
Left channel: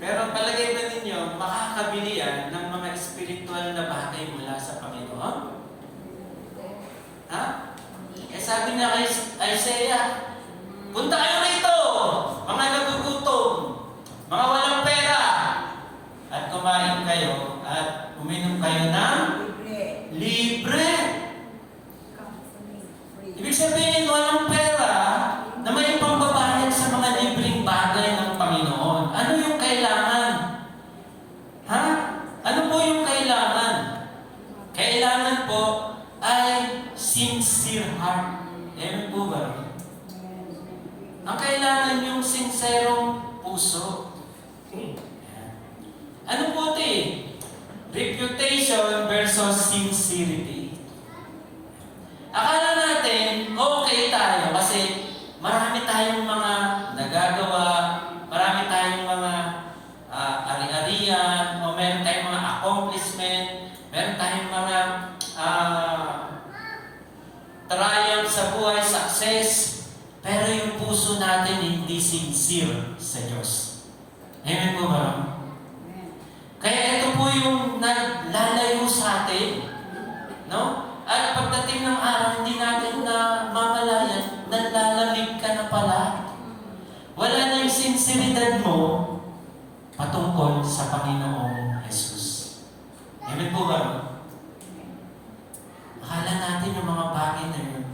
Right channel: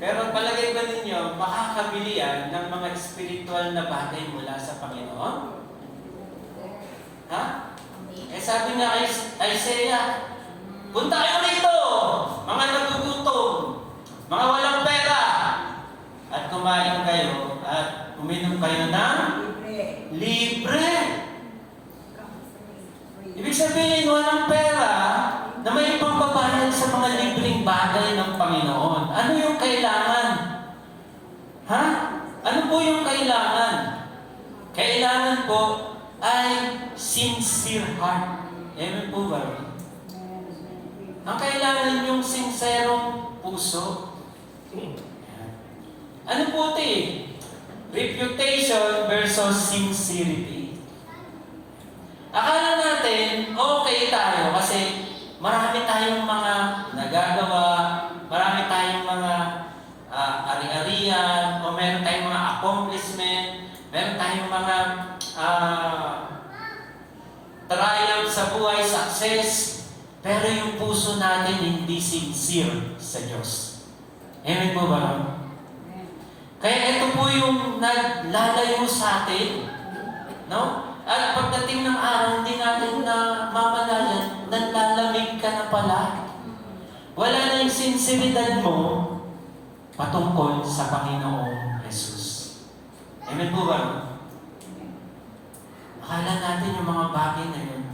Pero palagay ba ninyo, makakabili yan ng mga spiritual na bagay mula sa Panginoon? Ha? Eh sabi nga kay Isaiah, punta kayo rito, mga nagugutom, mga walang pera, at kumain kayo, at uminom kayo ng libre. Ibig sabihin, walang pera na may pambabayad sa mga libreng bagay ng Panginoon. Ano yung kailangan? Ha? Ano po yung kailangan? Kailangan po ay sincere heart. Amen po ba? Ang kailangan yung sinserong puso. Ano po ito eh? Reputation versus sincerity. Akala natin, okay tayo kasi marami tayong mga nagagawa, marami tayong mga ari-arian, o meron tayong mga accomplishment, meron tayong mga triumph sa buhay, success, pero yung puso natin hindi sincere sa Diyos. Amen po ba? Kaya ito po yung naglalayo sa atin. No? At pagdating ng araw, hindi natin na mamalayan, nalalamig ka na pala. Wala na yung sinseridad mo patungkol sa Panginoong Jesus. Amen po ba? Akala natin yung mga bagay na yun,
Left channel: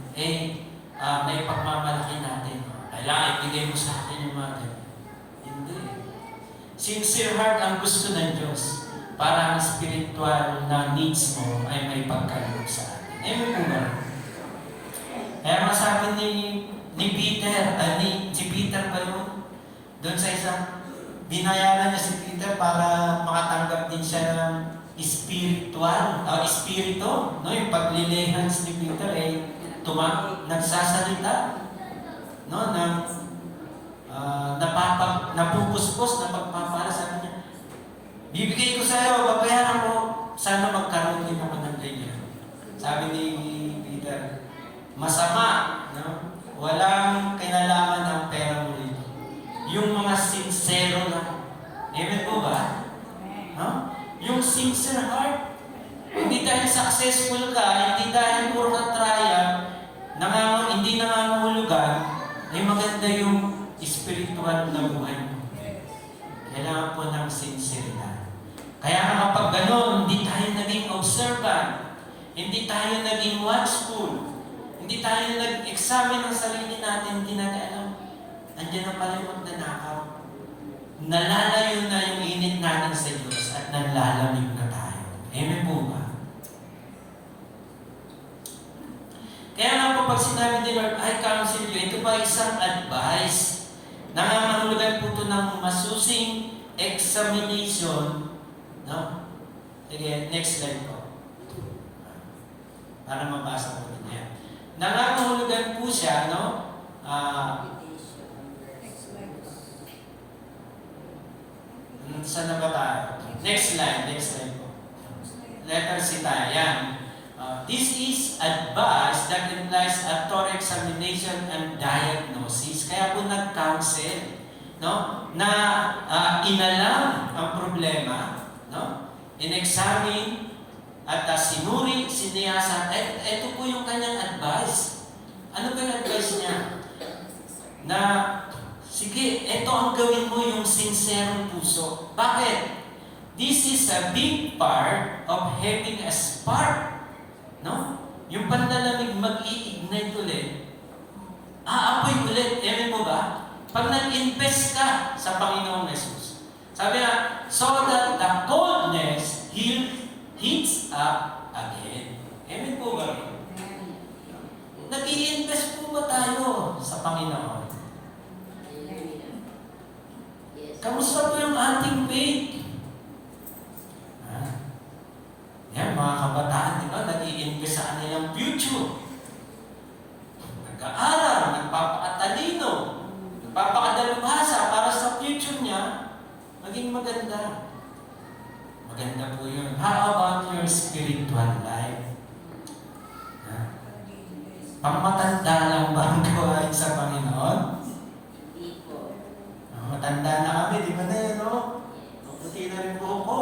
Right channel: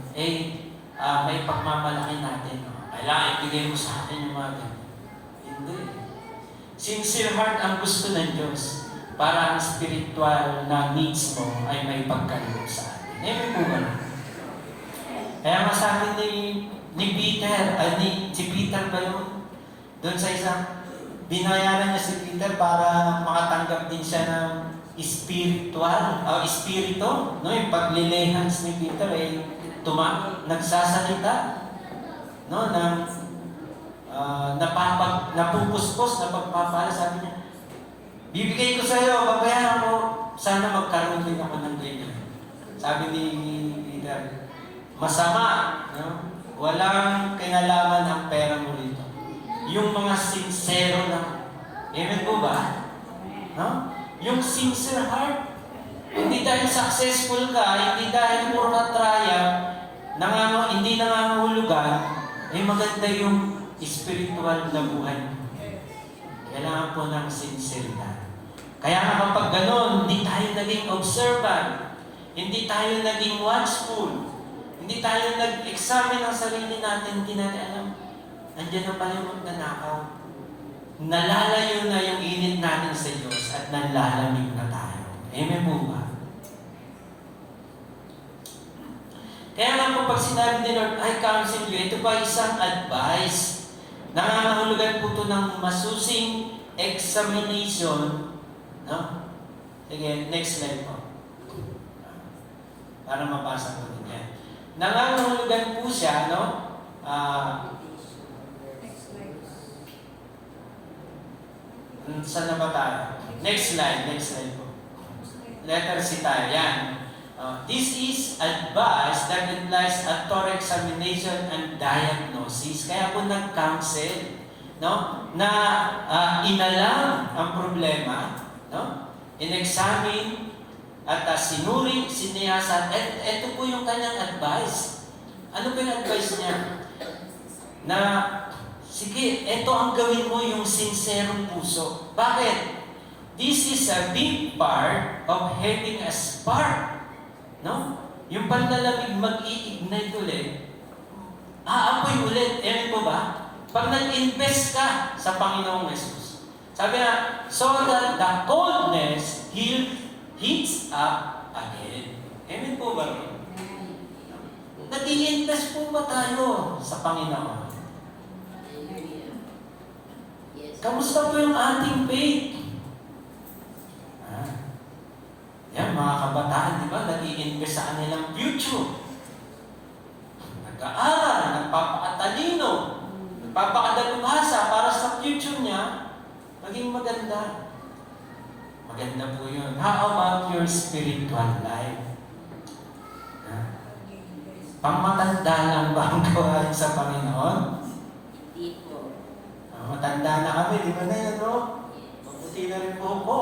may pagmamalaki natin. Kailangan ibigay mo sa akin yung mga ganyan. Hindi. Sincere heart ang gusto ng Diyos para ang spiritual na needs mo ay may pagkaloob sa atin. Amen po ba? Kaya masabi ni Peter, si Peter ba yun? Doon sa isang, binayaran niya si Peter para makatanggap din siya ng spiritual, espiritu. No? Yung paglilehans ni Peter nagsasalita, no, napupuspos, napagpapala, sabi niya, bibigay ko sa iyo, babayaran mo, sana magkaroon din ako ng ganyan. Sabi ni Peter, masama, no? Walang kinalaman ang pera mo dito. Yung mga sincero na, amen po ba? No? Yung sincere heart, hindi dahil successful ka, hindi dahil puro ka triumph, hindi nangangahulugan, ay maganda yung spiritual na buhay mo. Kailangan po ng sinceridad. Kaya kapag gano'n, hindi tayo naging observant, hindi tayo naging watchful, hindi tayo nag-examine ng sarili natin, hindi natin alam, nandiyan na pala yung magnanakaw. Nalalayo na yung init natin sa Diyos at nalalamig na tayo. Amen po ba? Kaya nga po pag sinabi ni Lord, I counsel you, ito pa isang advice. Nangangahulugan po ito ng masusing examination. No? Sige, next slide po. Para mabasa po din yan. Nangangahulugan po siya, no? Saan na ba tayo? Next slide po. Letter C tayo. Yan. This is advice that implies a thorough examination and diagnosis. Kaya po nag-counsel, no? Na inalam ang problema, no? In-examine at sinuri, siniyasan. At ito po yung kanyang advice. Ano ba yung advice niya? Na, sige, ito ang gawin mo yung sincerong puso. Bakit? This is a big part of having a spark. No? Yung panlalamig mag-i-ignite ulit. Aapoy ulit. Ayan po ba? Pag nag-invest ka sa Panginoong Jesus. Sabi na, so that the coldness heats up again. Amen po ba? Nag-i-invest po ba tayo sa Panginoon? Kamusta po yung ating faith? Yan, mga kabataan, di ba? Nag-i-invest sa kanilang future. Nag-aaral, nagpapakatalino, nagpapakadalubhasa para sa future niya, maging maganda. Maganda po yun. How about your spiritual life? Pangmatanda lang ba ang gawain sa Panginoon? Matanda na kami, di ba na yun, no? Mabuti na rin po ako.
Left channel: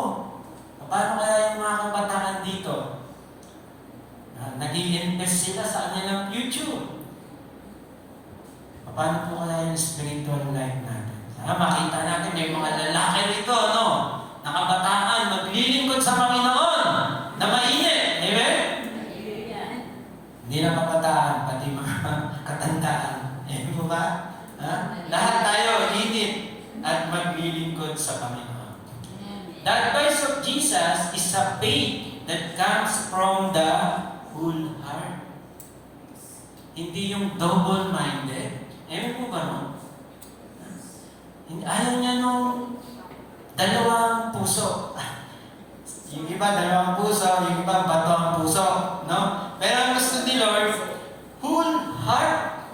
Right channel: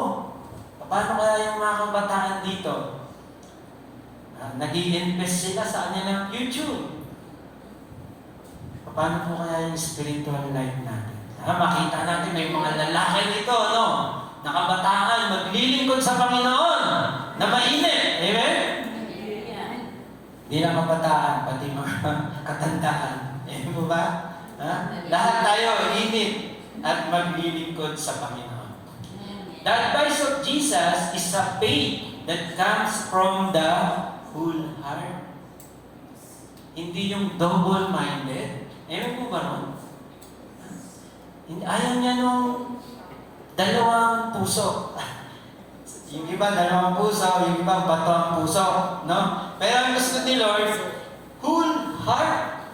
Paano kaya yung mga kabataan dito? Nag-i-invest sila sa kanilang future. Paano po kaya yung spiritual life natin? Makita natin may mga lalaki dito, no? Nakabataan, maglilingkod sa Panginoon na mainit. Amen? Hindi lang kabataan, pati mga katandaan. Amen po ba? Lahat tayo init at maglilingkod sa Panginoon. The advice of Jesus is a faith that comes from the whole heart. Hindi yung double-minded. Ewan po ba? Ayaw niya nung dalawang puso. Yung iba dalawang puso, yung iba bato ang puso. No? Pero ang gusto ni Lord, whole heart.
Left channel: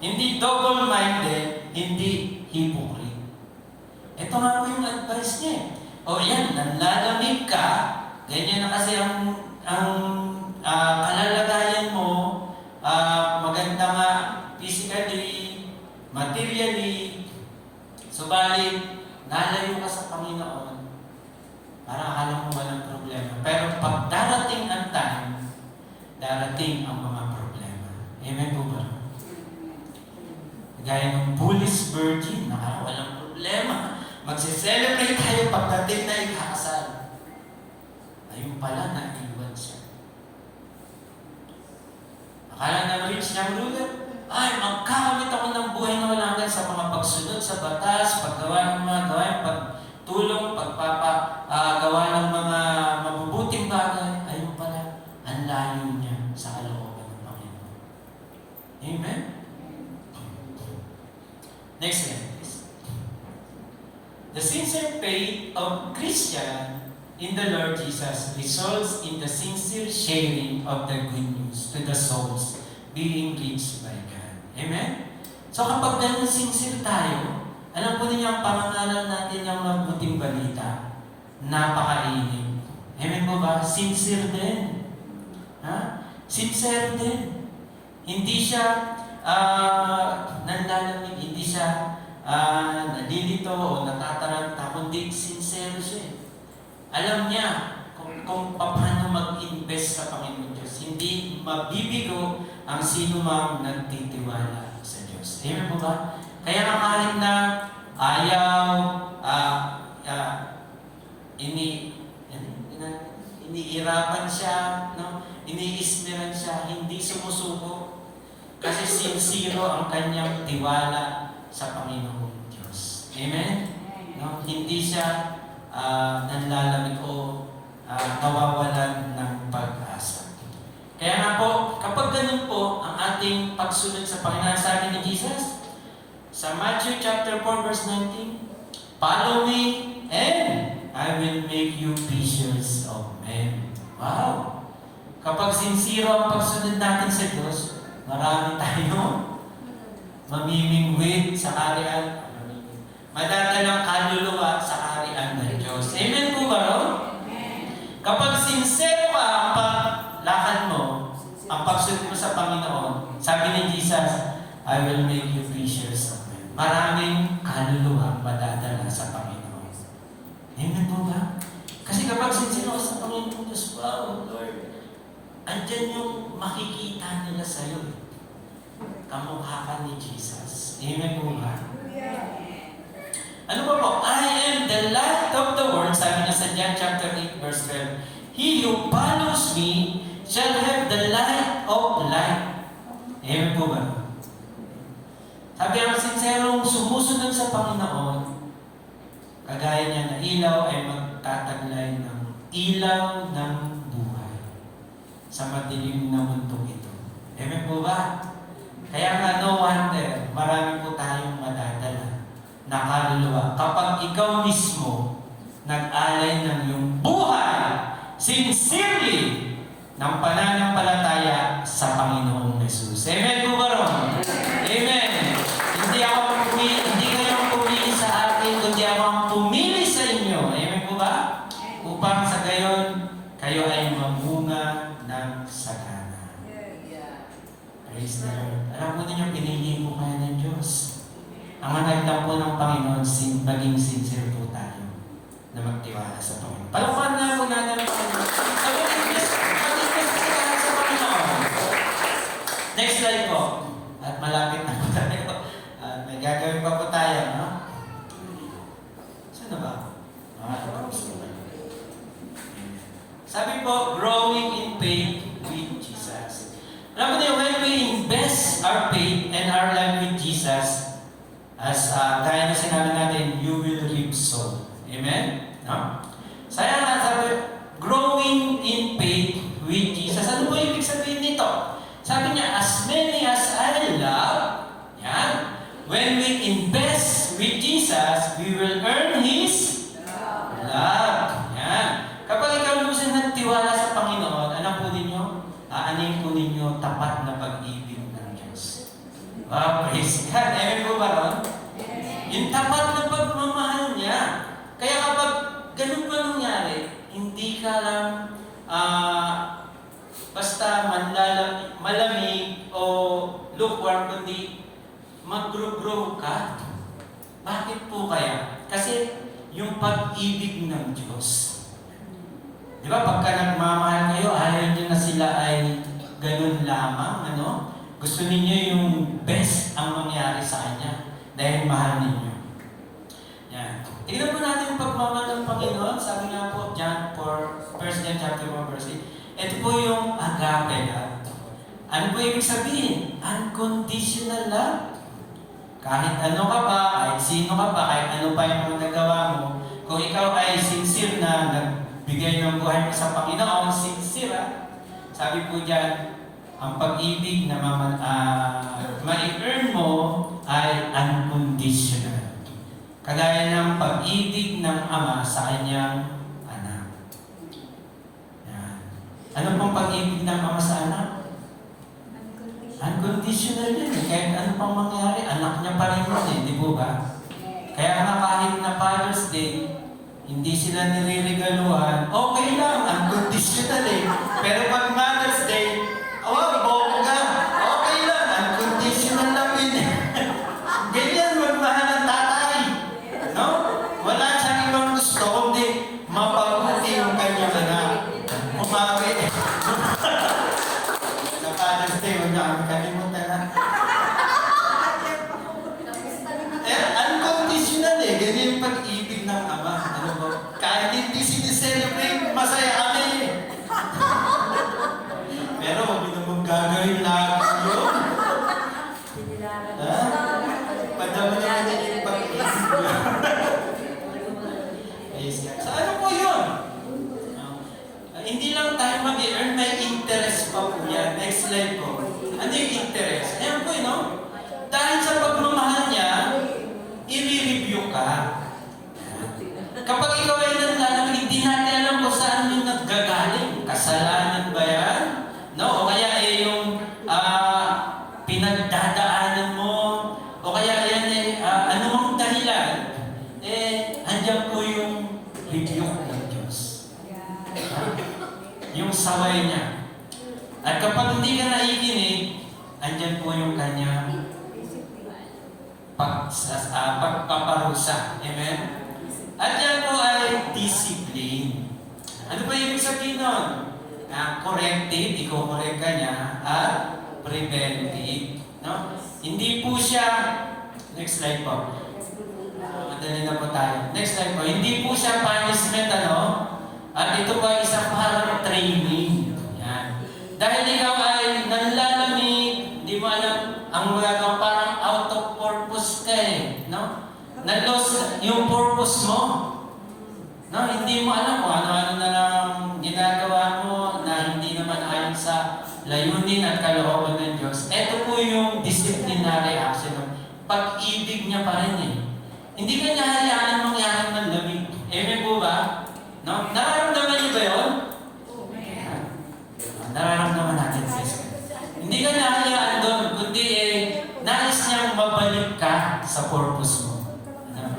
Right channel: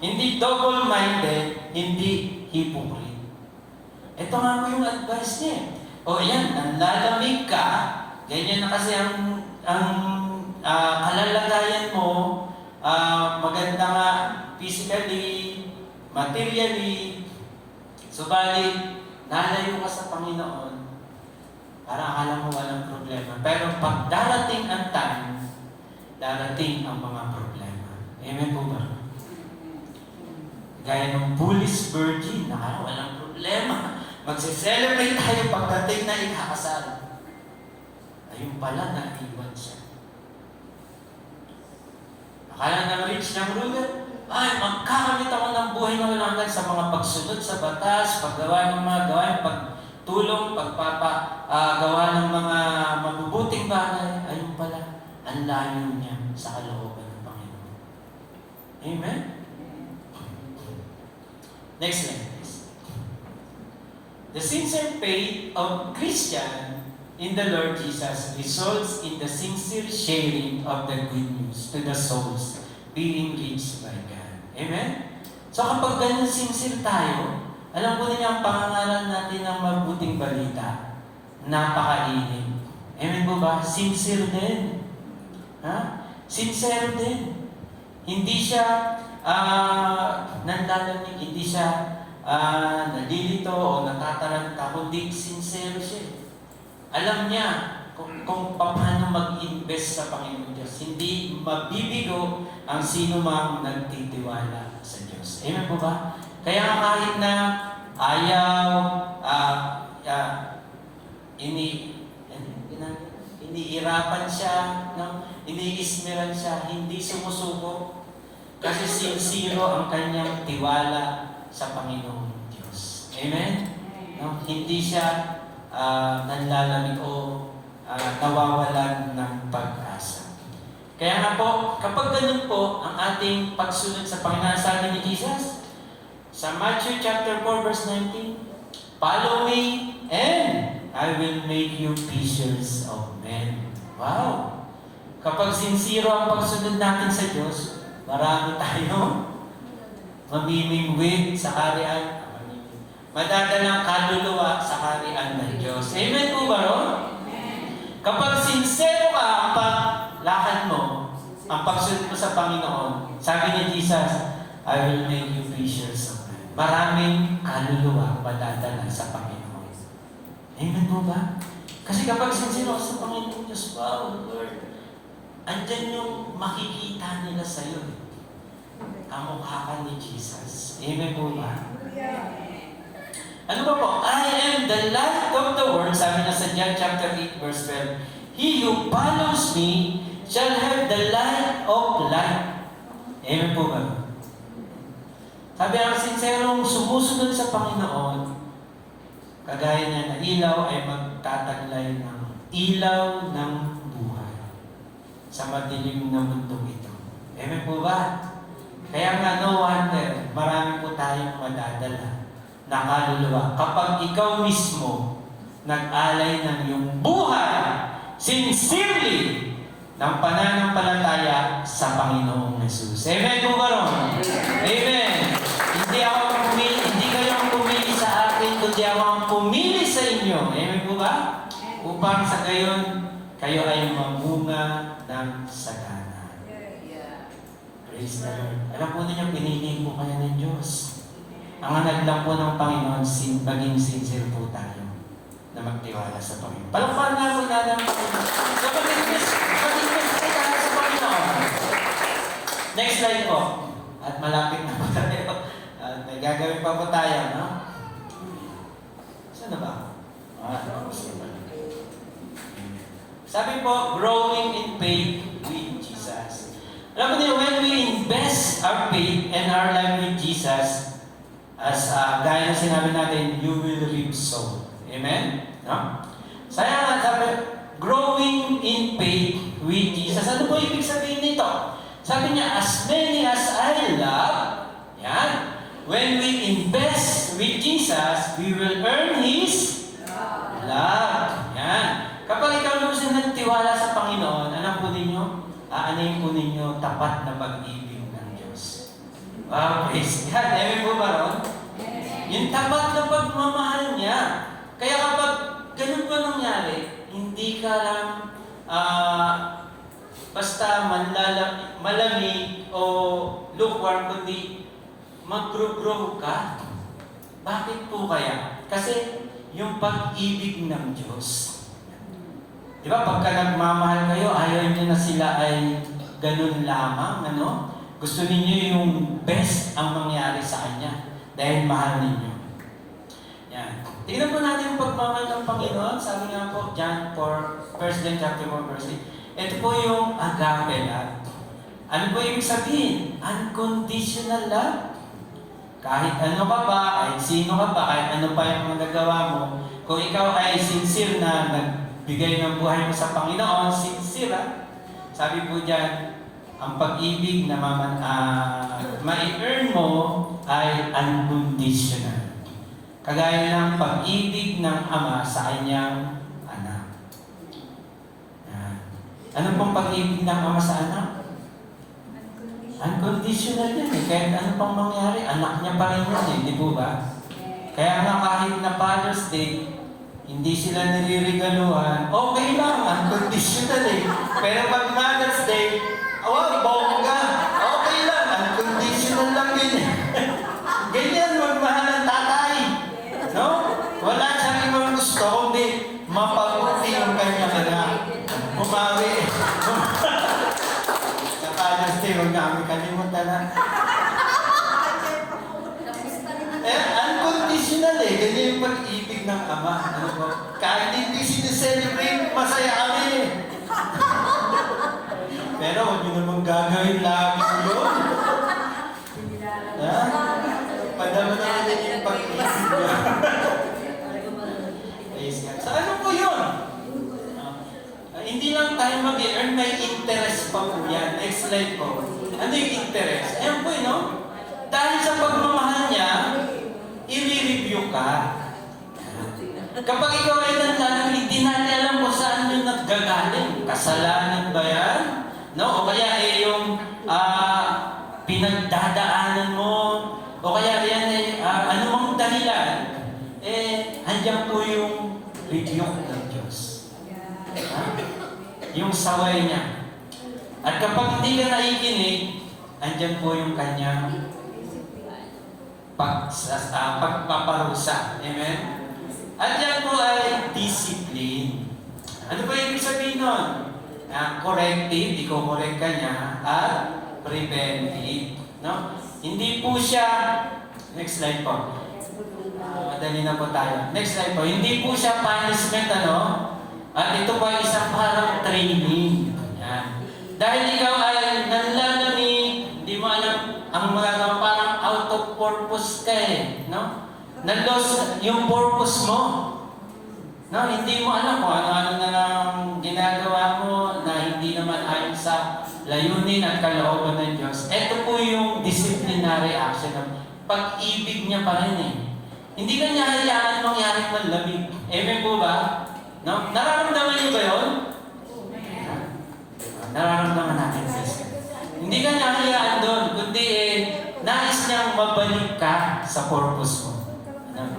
Hindi double-minded, hindi hypocrite. Ito nga po yung advice niya. O yan, nanlalamig ka, ganyan na kasi ang kalalagayan mo, maganda nga physically, materially, subalit, nalayo ka sa Panginoon, para akala mo walang problema. Pero pag darating ang time, darating ang mga problema. Amen po ba? Gaya ng foolish virgin, walang problema. Magse-celebrate tayo pagdating na ikakasal. Ayun pala, naiwan siya. Akala ng rich ng ruler, ay, magkakamit ako ng buhay na walang hanggan sa mga pagsunod sa batas, paggawa ng mga gawain, pagtulong, pagpapagawa ng mga mabubuting bagay. Ayun pala, ang layo niya sa kalooban ng Panginoon. Amen? Next slide. The sincere faith of Christian in the Lord Jesus results in the sincere sharing of the good news to the souls being reached by God. Amen? So kapag ganun sincere tayo, alam po niyo ang pangangalan natin ng mabuting balita, napakainit. Amen po ba? Sincere din. Sincere din. Hindi siya nanlalamig, hindi siya nalilito o natataranta, kundi sincere siya. Alam niya kung paano mag-invest sa Panginoon Diyos. Hindi mabibigo ang sino mang nagtitiwala sa Diyos. Amen po ba? Kaya kahit na ayaw, iniirapan siya, no? Iniismeran siya, hindi sumusuko. Kasi sincere ang kanyang tiwala sa Panginoong Diyos. Amen? No? Hindi siya nanlalamig o nawawalan ng pag-asa. Kaya nga po, kapag ganun po ang ating pagsunod sa Panginoon, sabi ni Jesus, sa Matthew chapter 4 verse 19, follow me and I will make you fishers of men. Wow! Kapag sincere ang pagsunod natin sa Diyos, marami tayo mamimingwit sa kaharian, madadalang kaluluwa sa kaharian ng Diyos. Amen po ba ron? Kapag sincere ka ang paglakad mo, ang pagsunod mo sa Panginoon, sabi ni Jesus, I will make you fishers of men. Maraming kaluluwa madadala sa Panginoon. Amen po ba? Kasi kapag sincere ka sa Panginoon Diyos, andyan yung makikita nila sa'yo. Kamukha ka ni Jesus. Amen po ba? Ano ba po? I am the light of the world. Sabi niya sa John chapter 8 verse 12. He who follows me shall have the light of life. Amen po ba? Sabi ang sinserong sumusunod sa Panginoon, kagaya niya na ilaw ay magtataglay ng ilaw ng buhay sa madilim na mundo ito. Amen po ba? Kaya nga no wonder, marami po tayong madadala na kaluluwa kapag ikaw mismo nag-alay ng iyong buhay sincerely ng pananampalataya sa Panginoong Jesus. Amen po ba ron? Amen. Hindi kayo ang pumili sa akin, kundi ako ang pumili sa inyo. Amen po ba? Upang sa gayon, kayo ay mamunga ng sagana. Praise the Lord. Alam po ninyo, pinili po kayo ng Diyos. Ang hanag lang po ng Panginoon, naging sincere po tayo na magtiwala sa Panginoon. Palukan na po na lang po. So, mag-invest tayo sa Panginoon. Next slide po. At malapit na po tayo. May gagawin pa po tayo, no? Saan na ba? Sabi po, growing in faith with Jesus. Alam mo niyo, when we invest our faith and our life with Jesus, as gaya na sinabi natin, you will reap so. Amen? No? Saya nga sabi, growing in faith with Jesus. Ano po ibig sabihin nito? Sabi niya, as many as I love, yan, when we invest with Jesus, we will earn His love. Yan. Kapag ikaw gusto nagtiwala sa Panginoon, alam po ninyo, aanin po ninyo tapat na pag-ibig ng Diyos. Wow, praise God. Amen po ba ron? Yung tapat na pagmamahal niya. Kaya kapag ganun pa nangyari, hindi ka lang basta malamig o lukewarm, kundi mag-grow ka. Bakit po kaya? Kasi yung pag-ibig ng Diyos. Di ba, pagka nagmamahal kayo, ayaw niyo na sila ay ganun lamang, ano? Gusto ninyo yung best ang mangyari sa Kanya dahil mahal ninyo. Yan. Tingnan po natin yung pagmamahal ng Panginoon. Sabi nga po, John 4, 1 John chapter 1, verse 8. Ito po yung agape love. Ano po ibig sabihin? Unconditional love. Kahit ano ka ba, kahit sino ka ba, kahit ano pa yung magagawa mo, kung ikaw ay sincere na nagbigay ng buhay mo sa Panginoon, sincere, sabi po dyan, ang pag-ibig na ma-earn mo ay unconditional. Kagaya ng pag-ibig ng Ama sa kanyang anak. Yan. Ano pong pag-ibig ng Ama sa anak? Unconditional yan. Kahit ano pang mangyari, anak niya pa rin yun, di po ba? Kaya nga kahit na Father's Day, hindi sila nilirigaluhan, okay lang, unconditional eh. Pero pag Mother's Day, bongga, okay lang, unconditional lang din. Ganyan magmahal ng tatay. No? Wala siyang ibang gusto, kundi mapabuti yung kanyang anak. Kumawi. Sa Father's Day, huwag namin kalimutan na. Unconditional eh. Ganyan yung pag-ibig ng Ama. Kahit hindi sineselebrate, masaya kami eh. Pero huwag nyo naman gagawin lagi yun. Madama naman din yung pag-ibig. So ano po yun? Hindi lang tayo mag-earn, may interest pa po yan. Next slide po. Ano yung interest? Ayan po no? Dahil sa pagmamahal niya, i-review ka. Kapag ikaw ay nanlalang, hindi natin alam kung saan yung naggagaling. Kasalanan ba yan? No? O kaya yung pinagdadaanan mo, o kaya yan anong dahilan? Andiyan po yung review ng Diyos. Yung saway niya. At kapag hindi ka naikinig, andyan po yung kanyang pagpaparusa. Amen? At yan po ay discipline. Ano ba ibig sabihin nun? corrective, i-correct ka niya, at preventive. No? Hindi po siya, next slide po. Madali na po tayo. Next slide po. Hindi po siya punishment, ano? At ito pa isang parang training. Yan. Dahil ikaw ay nanlalamig, di mo alam, ang mga parang out of purpose ka eh. No? Na-lose yung purpose mo. No? Hindi mo alam kung ano-ano na lang ginagawa mo na hindi naman ayon sa layunin at kalooban ng Diyos. Ito po yung disciplinary action ng pag-ibig niya pa rin eh. Hindi ka niya hayaan mangyaring manlamig. Amen po ba? No? Nararamdaman niyo ba yun? Nararamdaman natin sis. Hindi ka niya hayaan doon, kundi nais niyang mabalik ka sa purpose mo. No?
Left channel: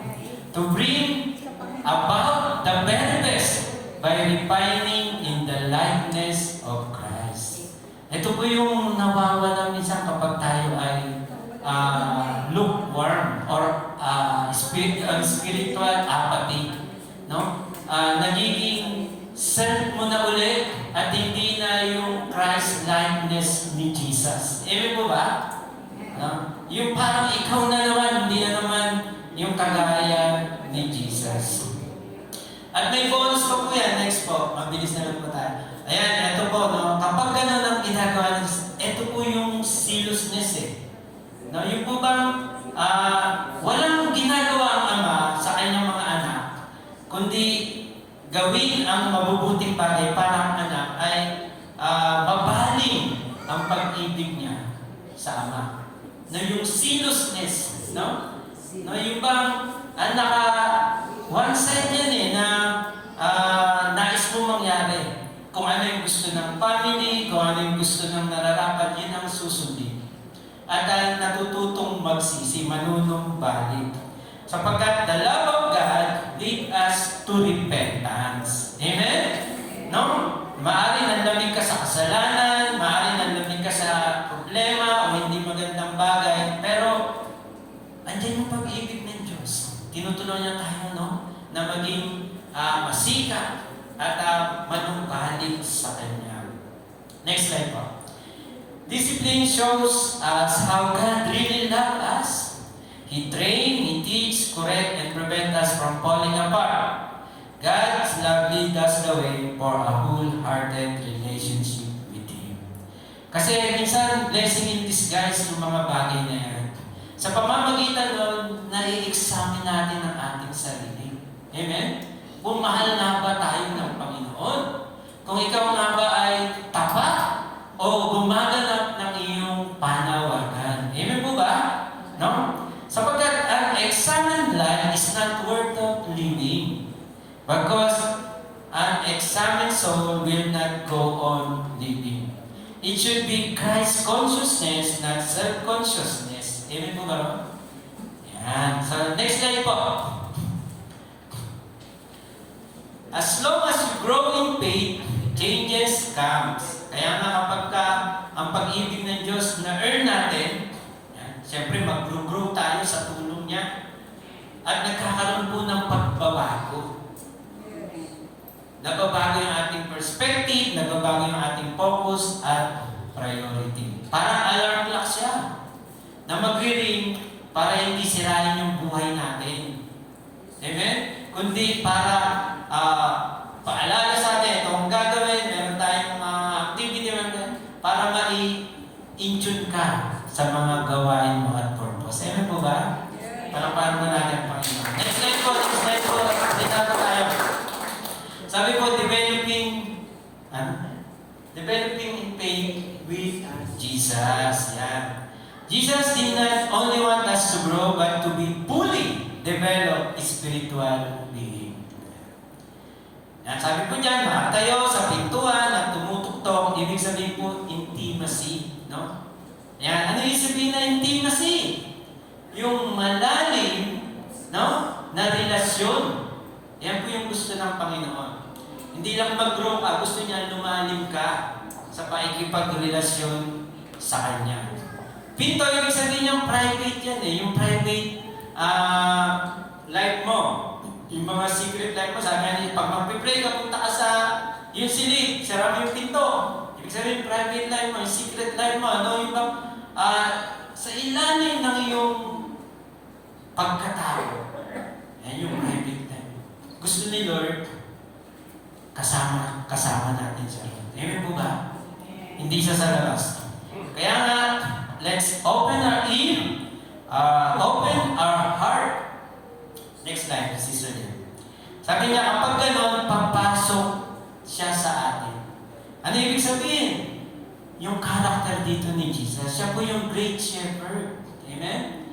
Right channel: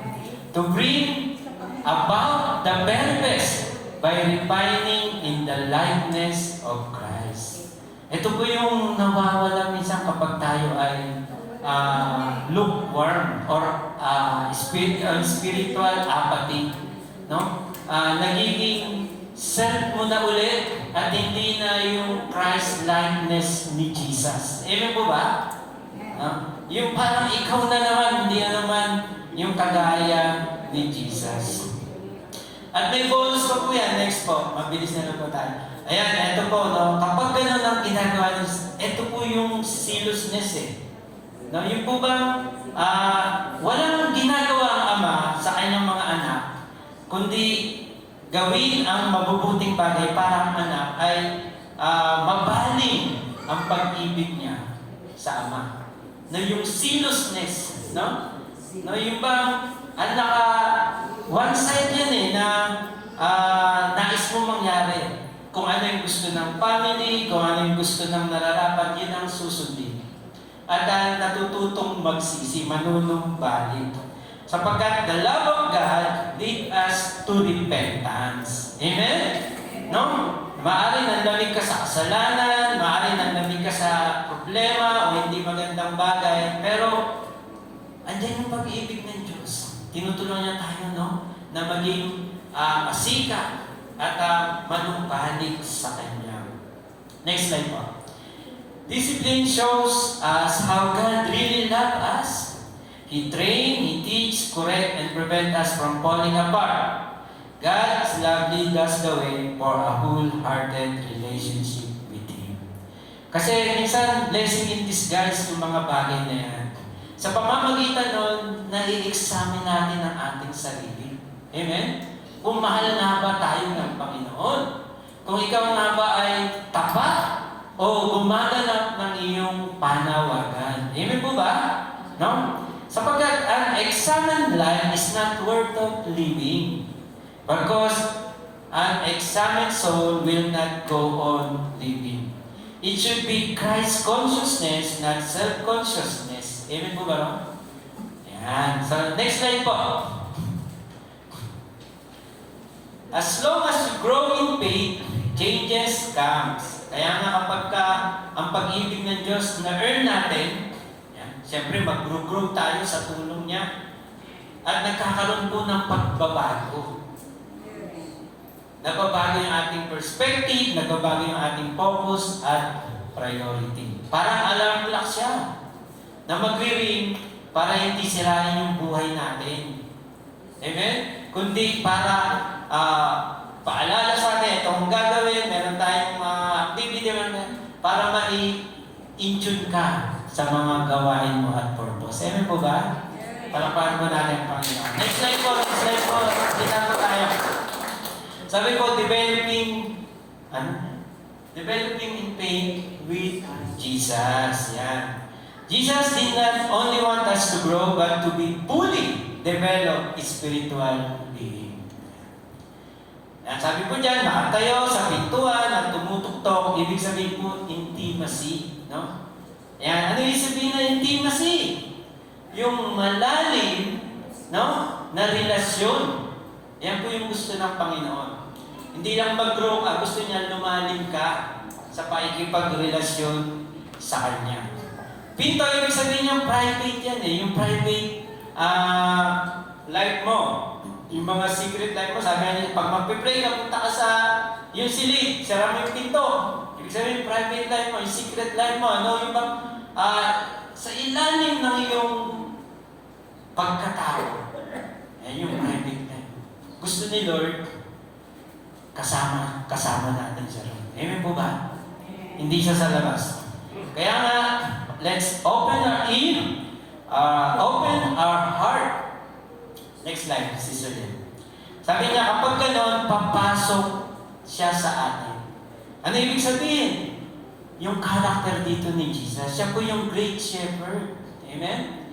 To bring about the very best by refining in the likeness of Christ. Ito po yung nawawala minsan kapag tayo ay lukewarm or spiritual apathy. No? Nagiging self mo na ulit at hindi na yung Christ likeness ni Jesus. Amen po ba? No? Yung parang ikaw na naman, hindi na naman yung kagaya ni Jesus. At may bonus pa po yan. Next po. Mabilis na lang po tayo. Ayan, ito po. No? Kapag ganun ang ginagawa, ito po yung zealousness eh. No? Yung po bang walang ginagawa ang Ama sa kanyang mga anak, kundi gawin ang mabubuting bagay para ang anak ay mabaling ang pag-ibig niya sa Ama. No? Yung zealousness, no? No? Yung bang one side yan eh, na nais mo mangyari. Kung ano yung gusto ng family, kung ano yung gusto ng nararapat, yun ang susundin. At natututong magsisi, manunumbalik. Sapagkat the love of God lead us to repentance. Amen? No? Maaari nanlamig ka sa kasalanan, maaari nanlamig ka sa problema o hindi magandang bagay, pero andyan yung pag-ibig ng Diyos. Tinutulungan niya tayo, no? Na maging masika at manumbalik sa Kanya. Next slide po. Discipline shows us how God really loves us. He trains, He teaches, corrects, and prevents us from falling apart. God's love leads us the way for a wholehearted relationship with Him. Kasi minsan, blessing in disguise yung mga bagay na yan. Sa pamamagitan nun, nai-examine natin ang ating sarili. Amen? Kung mahal na ba tayo ng Panginoon? Kung ikaw nga ba ay tapat o gumaganap ng iyong panawagan. Amen po ba? No? Sapagkat an examined life is not worth of living because an examined soul will not go on living. It should be Christ consciousness, not self-consciousness. Amen po ba? Yan. So, next slide po. As long as you grow in faith, changes comes. Kaya nga kapag ang pag-ibig ng Diyos na earn natin, yan, siyempre mag-grow tayo sa tulong niya at nagkakaroon po ng pagbabago. Nagbabago yung ating perspective, nagbabago yung ating focus at priority. Parang alarm clock siya na mag-ring para hindi sirain yung buhay natin. Amen? Kundi para paalala sa atin, itong gagawin, meron tayong mga activity para ma-in-tune ka sa mga gawain mo at purpose. Amen po ba? Para paano ba natin ang Panginoon? Next slide po, dito tayo. Sabi po, developing in faith with Jesus. Yan. Jesus did not only want us to grow, but to be fully developed spiritual being. Yan, sabi po dyan, makatayo sa pintuan at tumutuktok, ibig sabihin po, intimacy. No? Yan, ano yung sabihin na intimacy? Yung malalim, no? Na relasyon. Yan po yung gusto ng Panginoon. Hindi lang mag-grow ka, gusto niya lumalim ka sa pakikipagrelasyon sa Kanya. Pinto, ibig sabihin yung private yan eh. Yung private life mo. Yung mga secret life mo, sabi niya, pag magpipray ka, punta ka sa Yung silid, sara mo yung pinto. Ibig sabihin, private life mo, yung secret life mo, ano, yung sa ilalim ng iyong pagkatao. Yan yung private life. Gusto ni Lord, kasama natin siya. Amen po ba? Hindi siya sa labas. Kaya nga, let's open our ear, open our heart. Next slide, Sister Lynn. Sabi niya, kapag gano'n, papasok siya sa atin. Ano ibig sabihin? Yung character dito ni Jesus, siya po yung great shepherd. Amen?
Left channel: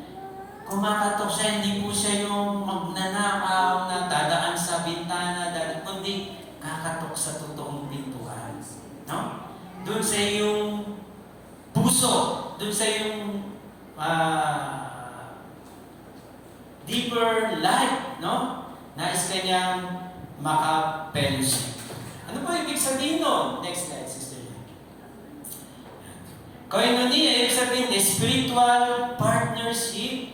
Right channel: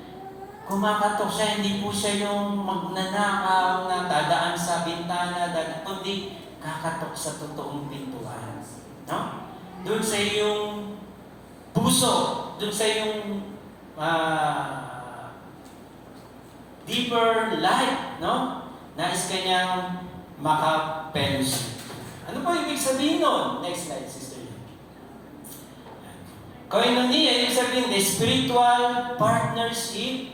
Kumakatok siya, hindi po siya yung magnanakaw na dadaan sa bintana, kundi kakatok sa totoong pintuan. No? Doon sa iyong puso, doon sa iyong deeper life, no? Nais kanyang maka-fellowship. Ano ba ibig sabihin nun? Next slide, Sister. Koinonia, ibig sabihin, the spiritual partnership,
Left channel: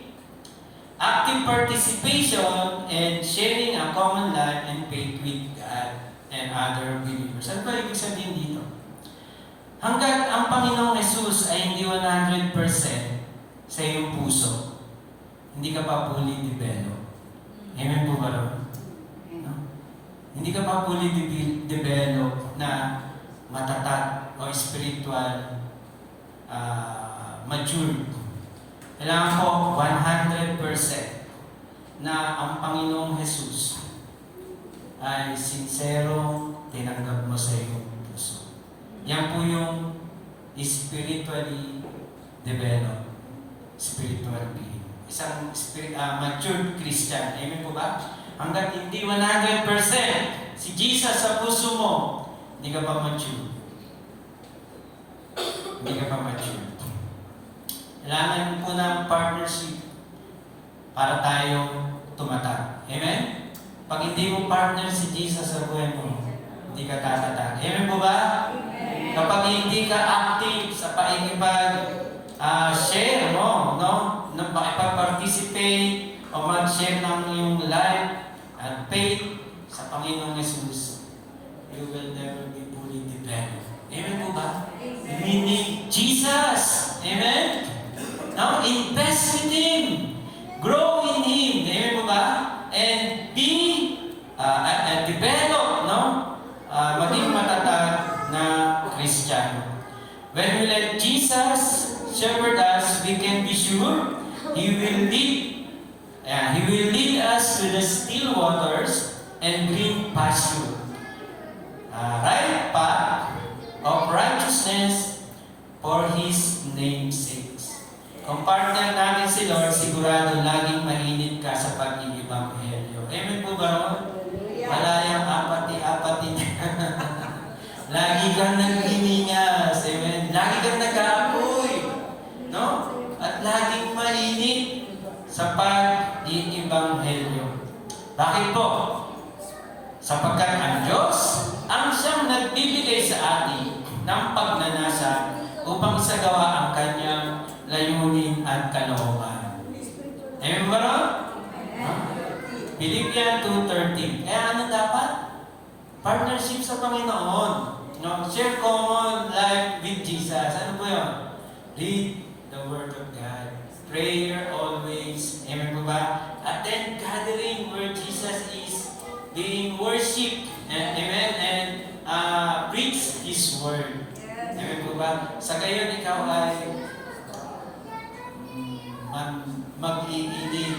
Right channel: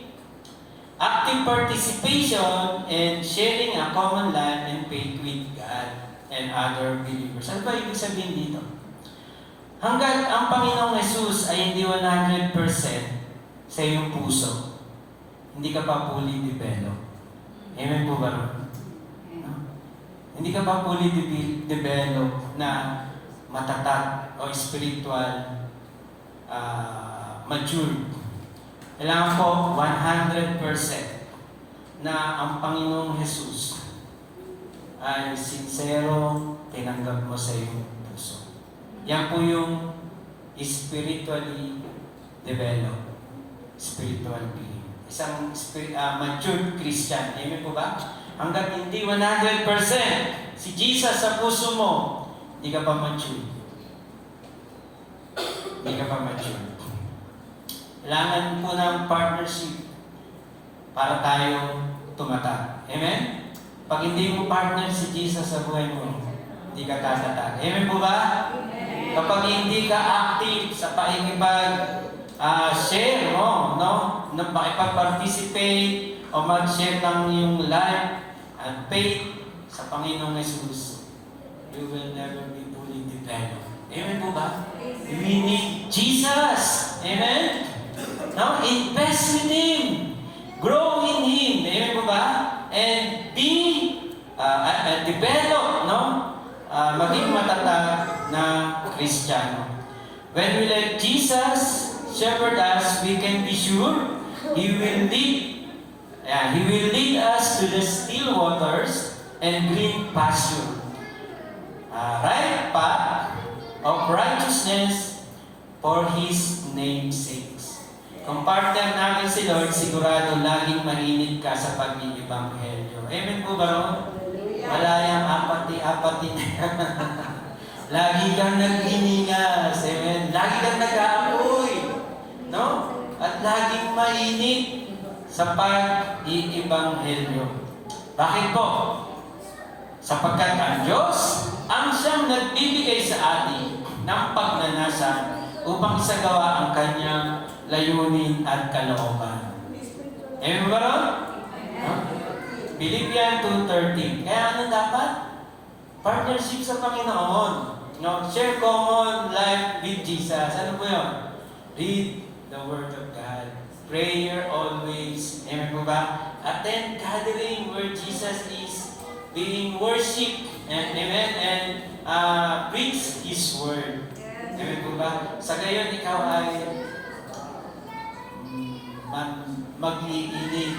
active participation, and sharing a common life and faith with God and other believers. Ano ba ibig sabihin dito? Hanggat ang Panginoong Jesus ay hindi 100% sa iyong puso, hindi ka pa fully developed. Amen po ba? No? Hindi ka pa fully developed na matatag o spiritual mature. Kailangan ko 100% na ang Panginoong Jesus ay sincerong tinanggap mo sa iyong puso. Yan po yung spiritually developed spiritual being. Isang mature Christian. Amen po ba? Hanggat hindi 100% si Jesus sa puso mo, hindi ka pa mature. Hindi ka pa mature. Kailangan po ng partnership para tayo tumatag. Amen? Pag hindi mo partner si Jesus sa buhay mo, hindi ka tatatag. Amen po ba? Amen. Kapag hindi ka active sa pakikipag-share mo, no? Na pakipag-participate o mag-share ng iyong life and faith sa Panginoong Jesus, you will never be fully developed. Amen po ba? We need Jesus. Amen? No? Invest in Him. Grow in Him. Amen po ba? And be develop, no? Maging matatag na Christian. When we let Jesus shepherd us, we can be sure He will lead us to the still waters and green pasture. Right path of righteousness for His name's sake. Kung partner namin si Lord, sigurado laging mainit ka sa pag-ibanghelyo. Amen po ba, Lord? Malayang apati-apati lagi kang naghiningas. Amen. Lagi kang nag-aapoy. No? At laging mainit sa pag-ibanghelyo. Bakit po? Sapagkat ang Diyos ang siyang nagbibigay sa atin ng pagnanasa upang isagawa ang kanyang layunin at kalooban. Amen ba, Lord? Philippians 2:13. Kaya ano dapat? Partnership sa Panginoon. No? Share common life with Jesus. Ano po yun? Read the Word of God. Prayer always. Amen po ba? At then gathering where Jesus is being worshipped. And amen. And preach His Word. Amen po ba? Sa gayon, ikaw ay mag-iilig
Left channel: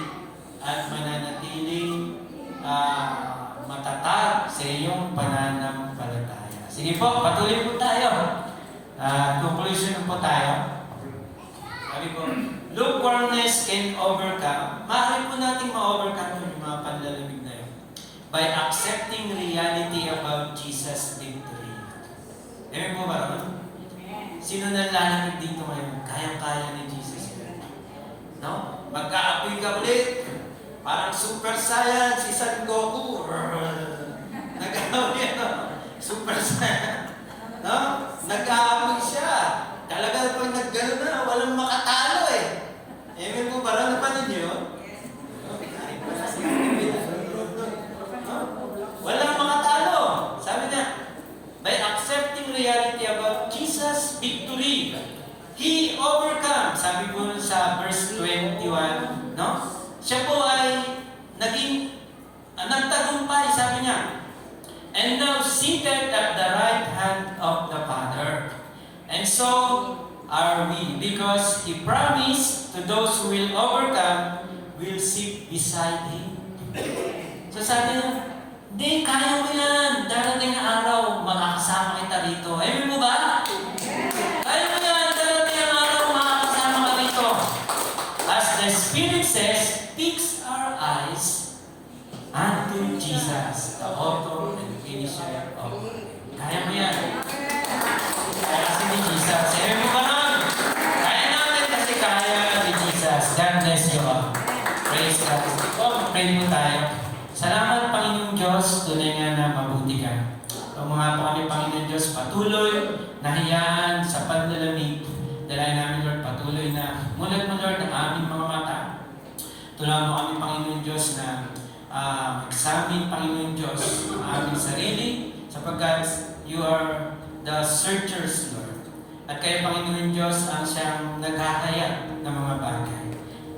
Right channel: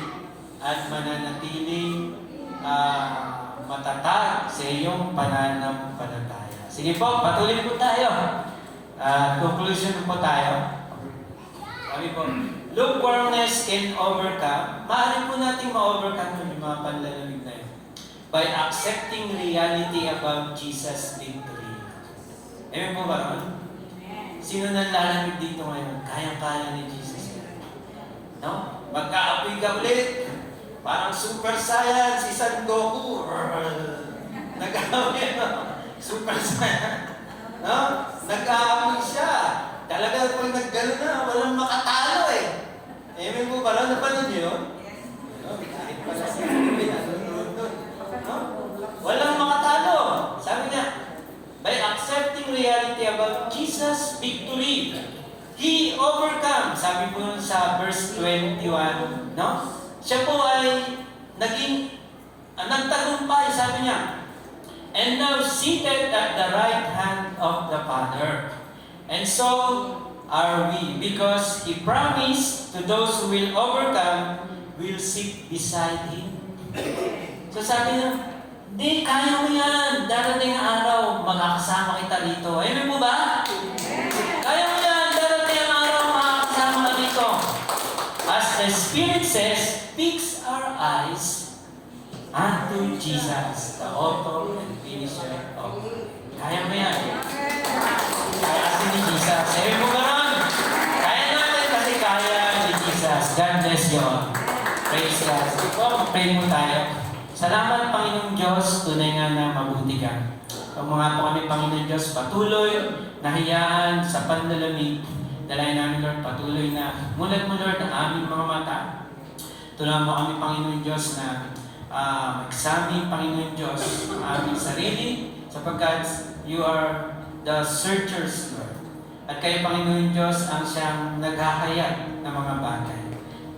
at mananatiling matatag sa iyong pananampalataya. Sige po, patuloy po tayo. Conclusion po tayo. Sabi po, lukewarmness can overcome. Maaari po natin ma-overcome yung mga panlalamig na yun by accepting reality about Jesus' victory. Amen po ba? Sino nalalamig dito ngayon? Kaya-kaya ni Jesus yan. No? Magkaapoy ka ulit. Parang super science, si San Goku. Nag-aapoy, no? Super science. No? Nag-aapoy siya. Talaga pag nag-gano na, walang makatalo eh. Amen po ba? Napanin niyo yun? No? Walang makatalo. Sabi niya, Jesus' victory. He overcome. Sabi po sa verse 21, no? Siya po ay nagtagumpay, sabi niya. And now seated at the right hand of the Father. And so are we, because He promised to those who will overcome, will sit beside Him. So sabi niya, hindi, kaya mo yan. Darating na araw, makakasama kita rito. Amen po ba? Kaya mo yan. Darating ang araw, makakasama ka rito. As the Spirit says, fix our eyes unto Jesus, the author and finisher of faith. Kaya mo yan. Kaya kasi ni Jesus. Amen po ba nun? Kaya natin kasi kaya ni Jesus. God bless you all. Praise God. Pray mo tayo. Salamat, Panginoong Diyos, tunay nga na mabuti ka. Pagmamahal po kami, Panginoong Diyos, patuloy na hiyaan sa panlalamig. Dalayan namin, Lord, patuloy na mulat mo, Lord, ang aming mga mata. Tulungan mo kami, Panginoong Diyos, na examine, Panginoong Diyos, ang aming sarili, sapagkat you are the searchers, Lord. At kayo, Panginoong Diyos, ang siyang naghahayag ng mga bagay.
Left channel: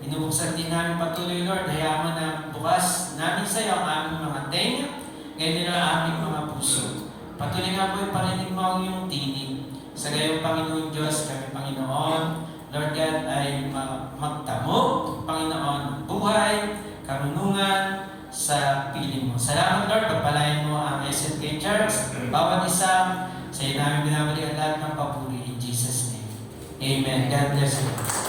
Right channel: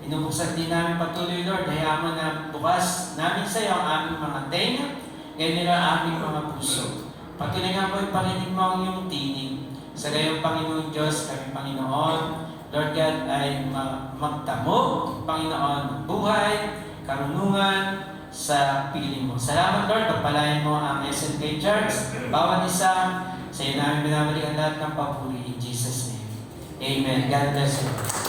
Inubuksan din namin patuloy, Lord. Hayaan mo na bukas namin sa iyo ang aming mga tenga, kaya nila ang aming mga puso. Patuloy nga po ipanginin mo ang iyong tinig. Sa gayon, Panginoon Diyos, kami, Panginoon, Lord God, ay magtamo, Panginoon, buhay, karunungan sa piling mo. Salamat, Lord. Pagpalain mo ang SNK Church, bawat isa, sa iyo namin binabalik ang lahat ng papuri in Jesus' name. Amen. God bless you.